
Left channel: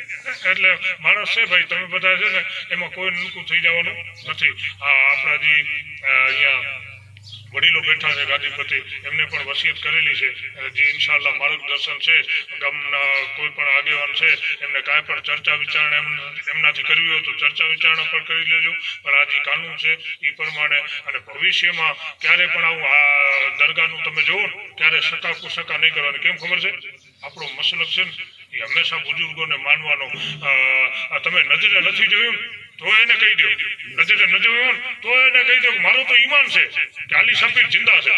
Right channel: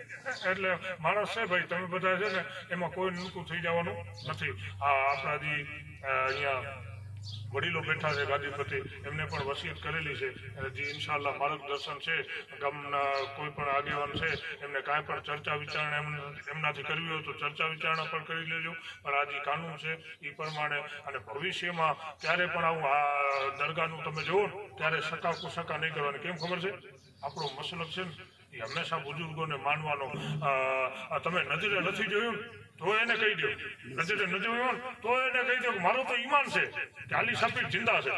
એટલે માણસ છે ભાઈ, તમે બધા છે ને એમાં કોઈ નૂકું થઈ જવાનું નથી. આપણા જે અહીંયા વડીલો બેઠા છે ગાદીપતિ, એમને પણ વસિયત કરેલી છે, જે ઇન્શાલ્લાહ માર્ગદર્શન છે. ગામના કોઈ પણ આગેવાન છે એમને કાંઈ પણ ચર્ચા વિચારણા એમનાથી કરવી હોય તો ચર્ચા વિચારણા પણ કરી લેજો. પણ આ જે કાનૂન છે એ પ્રમાણે, અને ભવિષ્યમાં ક્યારે પણ આવું દરગાહનું તમે જુઓ ને ત્યારે સકા કુસકા નહીં કરવાની. કેમ ખબર છે? આપણો મસલક છે ને એ હંમેશા બુજુર્ગોને માનવાનો. તમે નજરે નથી જોયું તો એને કહી દો, નજરે ન જોયું તો એને કહી દો કે મારું તો ઈમાન છે કે અલી સાપીર જિંદા છે.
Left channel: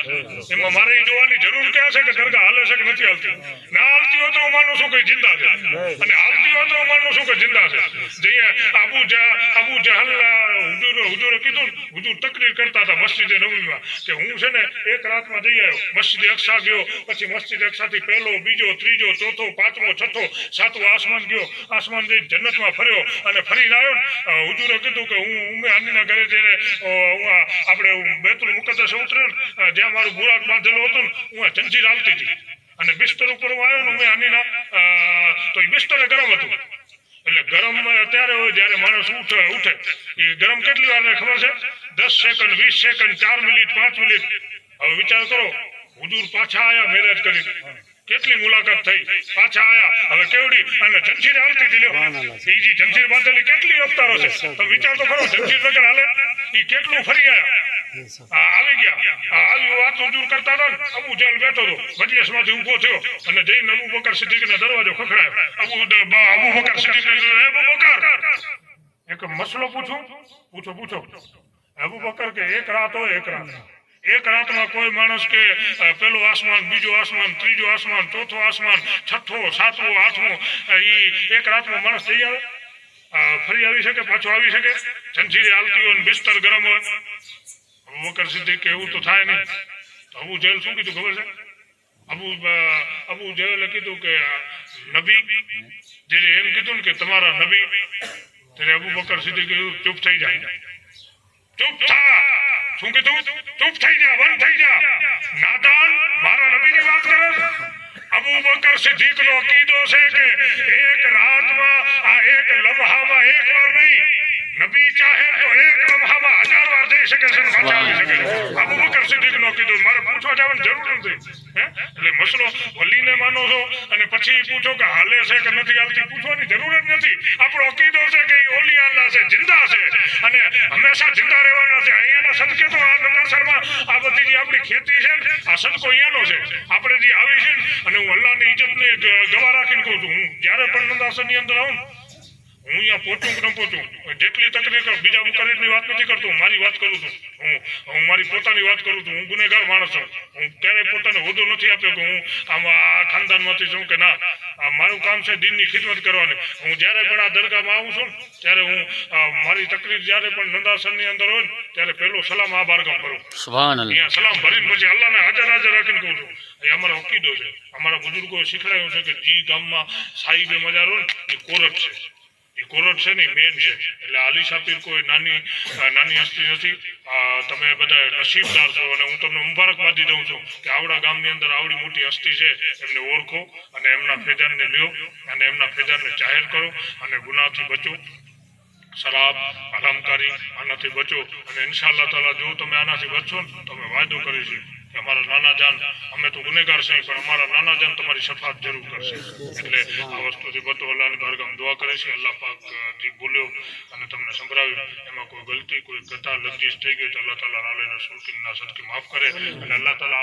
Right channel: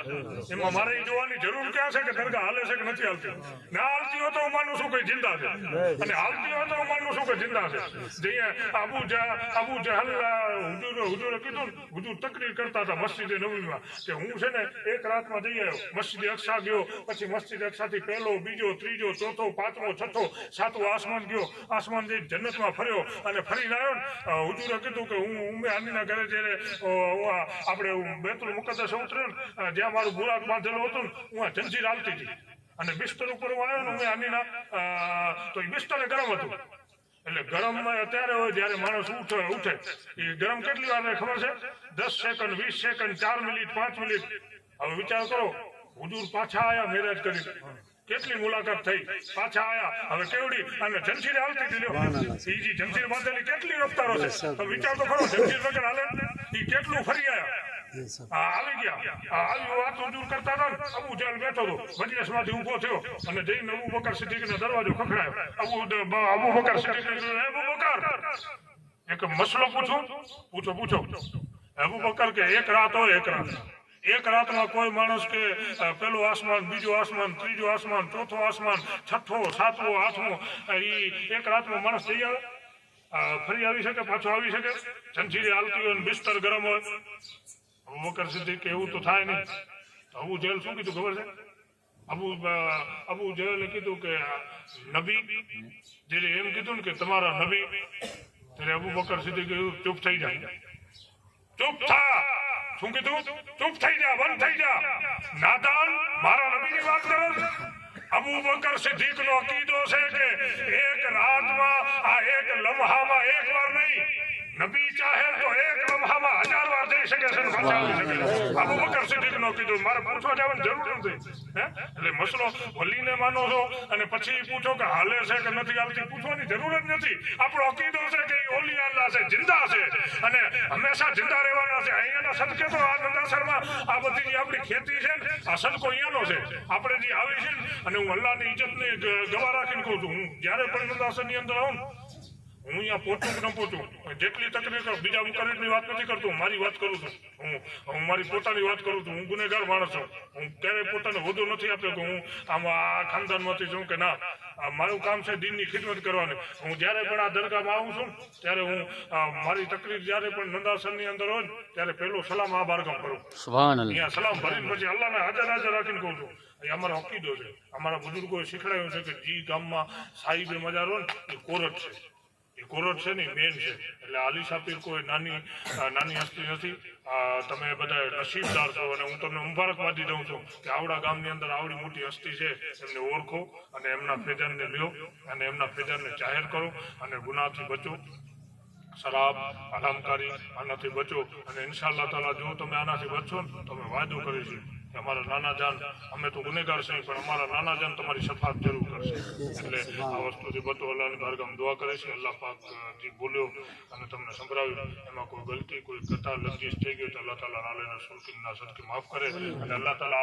એમાં મારે એ જોવાની જરૂર ક્યાં છે કે દરગાહ હાલે છે કે નથી હાલતી? ના હાલતી હોય તો હું માનું છું કે જિંદા છે, અને હાલતી હોય તો હું માનું છું કે જિંદા છે. જે અબુ જહલ હુજુરે કીધું, હુજુર તકરીર કરતા હતા મસ્જિદે નબવીમાં કે હું છે ને એક રાતમાં જઈ આવ્યો, મસ્જિદે અક્સા ગયો, પછી મસ્જિદે અક્સાથી પહેલો, બીજો, ત્રીજો, ચોથો, પાંચમો, છઠ્ઠો, સાતમો આસમાન ગયો, આસમાન જઈ જન્નતમાં ફર્યો અને ફરીને આવ્યો ને હુજુરે કીધું કે હું ઉમ્મે હાનીના ઘરે જ્યારે આપણે બેતુલ મુકદ્દસ ઉતર્યો ને, જ્યાં મારું બુરાક બાંધેલું હતું ને, હું જંજીર હાલતી હતી અને બિસ્તર ઉપર હું આવ્યો ને ઉમ્મે હાનીના, તો એ બિસ્તરે ગરમ હતું. એટલે ગરમ ત્યારે હોય જ્યારે માણસ ઉઠે. એ ગરમ કેટલી વાર ખબર છે? 10 સેકન્ડ, 20 સેકન્ડ, 4 મિનિટ, 5 મિનિટ. હવે વિચાર કરો, હુજુર પાછા આયા મેરેજ કરી, કેટલી મુલાકાત થઈ, પાછા આયા, હવે કેવડી અને જંજીર હાલતી હતી. લ્યો, એ જંજીર બાંધેલી કેટલી રફતારો છે, તો વિચાર તો ખરો, જંજીર વગર હાલે એ કેટલું ફરી આયા. આવી ગયા, આવી વાત હુજુર કરતા હતા ને, અબુ જહલ બેઠો હતો, મજલિસમાંથી ઊભો થયો અને જઈને અબુ બકર સિદ્દીકનો દરવાજો ખખડાયો. અબુ બકર સિદ્દીક, અબુ બકર, એક મસલો પૂછો. અબુ બકર કે એક રાત હોય, એક રાતમાં કોઈ માણસ કે પેલું આસમાન, બીજું આસમાન, ત્રીજું આસમાન, ચોથો આસમાન, છઠ્ઠો, સાતમો, આઠમો, એ એક રાતમાં માણસ જઈ આવે, ફરી આવી શકે, પાછો આવી શકે? જંજીરે હાલતી હોય ને બિસ્તર ગરમ હોય. અબુ બકર સિદ્દીક એવું તો થાય નહીં. તો અબુ જહલ શું કીધું ખબર છે? અબુ જહલે કીધું કે નબી, જ્યારે એમ કીધું ને કે તમારા નબી, ત્યારે અબુ બકર સિદ્દીક ચૂપ થઈ જાય. ચૂપ થા. શું કીધું? ચૂપ થઈ જા, બંધ થઈ જા, નાદાન, મારા નબીની વાત કરે. અબુ બકર સિદ્દીકનો અકીદો છે કે એક રાતમાં, આ એક લમ્હામાં એક વાર નહીં, નબી ચાહે તો એક લમ્હામાં 1000 વાર જઈ શકે છે, પાછા આવી શકે છે. અબુ બકર સિદ્દીકનો કીધું, મારે પૂછવા જવાની જરૂર નથી. એટલે મસલો વલીને માનો છો અને પછી પૂછો કે હાલે છે કે નથી હાલતી, પૂછવાની જરૂર જ નથી. આપણો અકીદો છે કે એ ઓલી અલ્લાહ છે, જિંદા છે અને હંમેશા જિંદા રહેવાના છે. અહીંયાના સદકે તો આ નંદાસરમાં આ બધી જે આપણી ખેતી છે ને, આ સદકો અહીંયાનો છે. આપણે જે આવી છે ને, અને હું અલ્લાહની ઇજ્જતને ગવા રાખીને કહું છું, હું જ્યારે પણ નંદાસરની અંદર આવું, હું અહીંયા પહોંચું કે ન પહોંચું, જેટલી તકલીફ બીજા મુકરીની વાત નથી કરતો, મારી વાત કરું છું. હું મારી પોતાની વાત કરું છું. હું ગુનેગાર માણસ છું. હું ક્યારેય પોતાને હોદ્દો નથી આપ્યો કે હું આમાં ખાનદાનમાંથી છું કે ના. મારું કામ છે દીનની ખિદમત કરવાની. હું જ્યારે પણ આ દરગાહમાં આવું છું ને, ત્યારે હું મારી તકલીફ જ્યારે પણ નંદાસરની અંદર હોય ને, ત્યારે પહેલો સલામ આ બારગામ કરું. અહીંયા સલામ ભરીને પછી અલ્લાહને હાજર રાખીને કહું છું. એ અમારો અકીદો છે. અમારા બુજુર્ગોએ શીખડાયું છે કે જે ગામમાં સાહિબે મજાર હોય ને, એ કોરટ છે. એ કોરટ છે ને મેન છે. એટલે અલી સાપીર કોઈ નાની હસ્તી નથી. તમે બધા નસીબદાર છો અને હું તમને મુબારકબાદી દઉં છું કે આવડા ગામની અંદર આવડી મોટી હસ્તી છે. એમને ઓળખો અને એમના ફેજાનને લ્યો અને એમના ફેજાનને જાહેર કરો અને ગુનાહથી બચો. શરાબ, હરામકારી, આનાથી બચો. અને ઇન્શાઅલ્લાહ તાલા જો તમે આનાથી બચશો ને, તમે વાયદો કરીશું કે અમારા નાના જાન અમે તો ગુનેગાર છે પણ અમારા નાના જાન તમારી શફાત જરૂર કરશે એટલે આ વસ્તુથી બતો અલ્લાહની બારગામ દુઆ કરે છે અલ્લાહ પાક જે બોલ્યો અને તમને સંભળાવ્યું એમાં કોઈ ગલતી કોઈ કતા લફજીશ થઈ ગઈ તો અલ્લાહ તાલા નાલે રસૂલ ના સદકે માફ કરે અને અલ્લાહ તાલા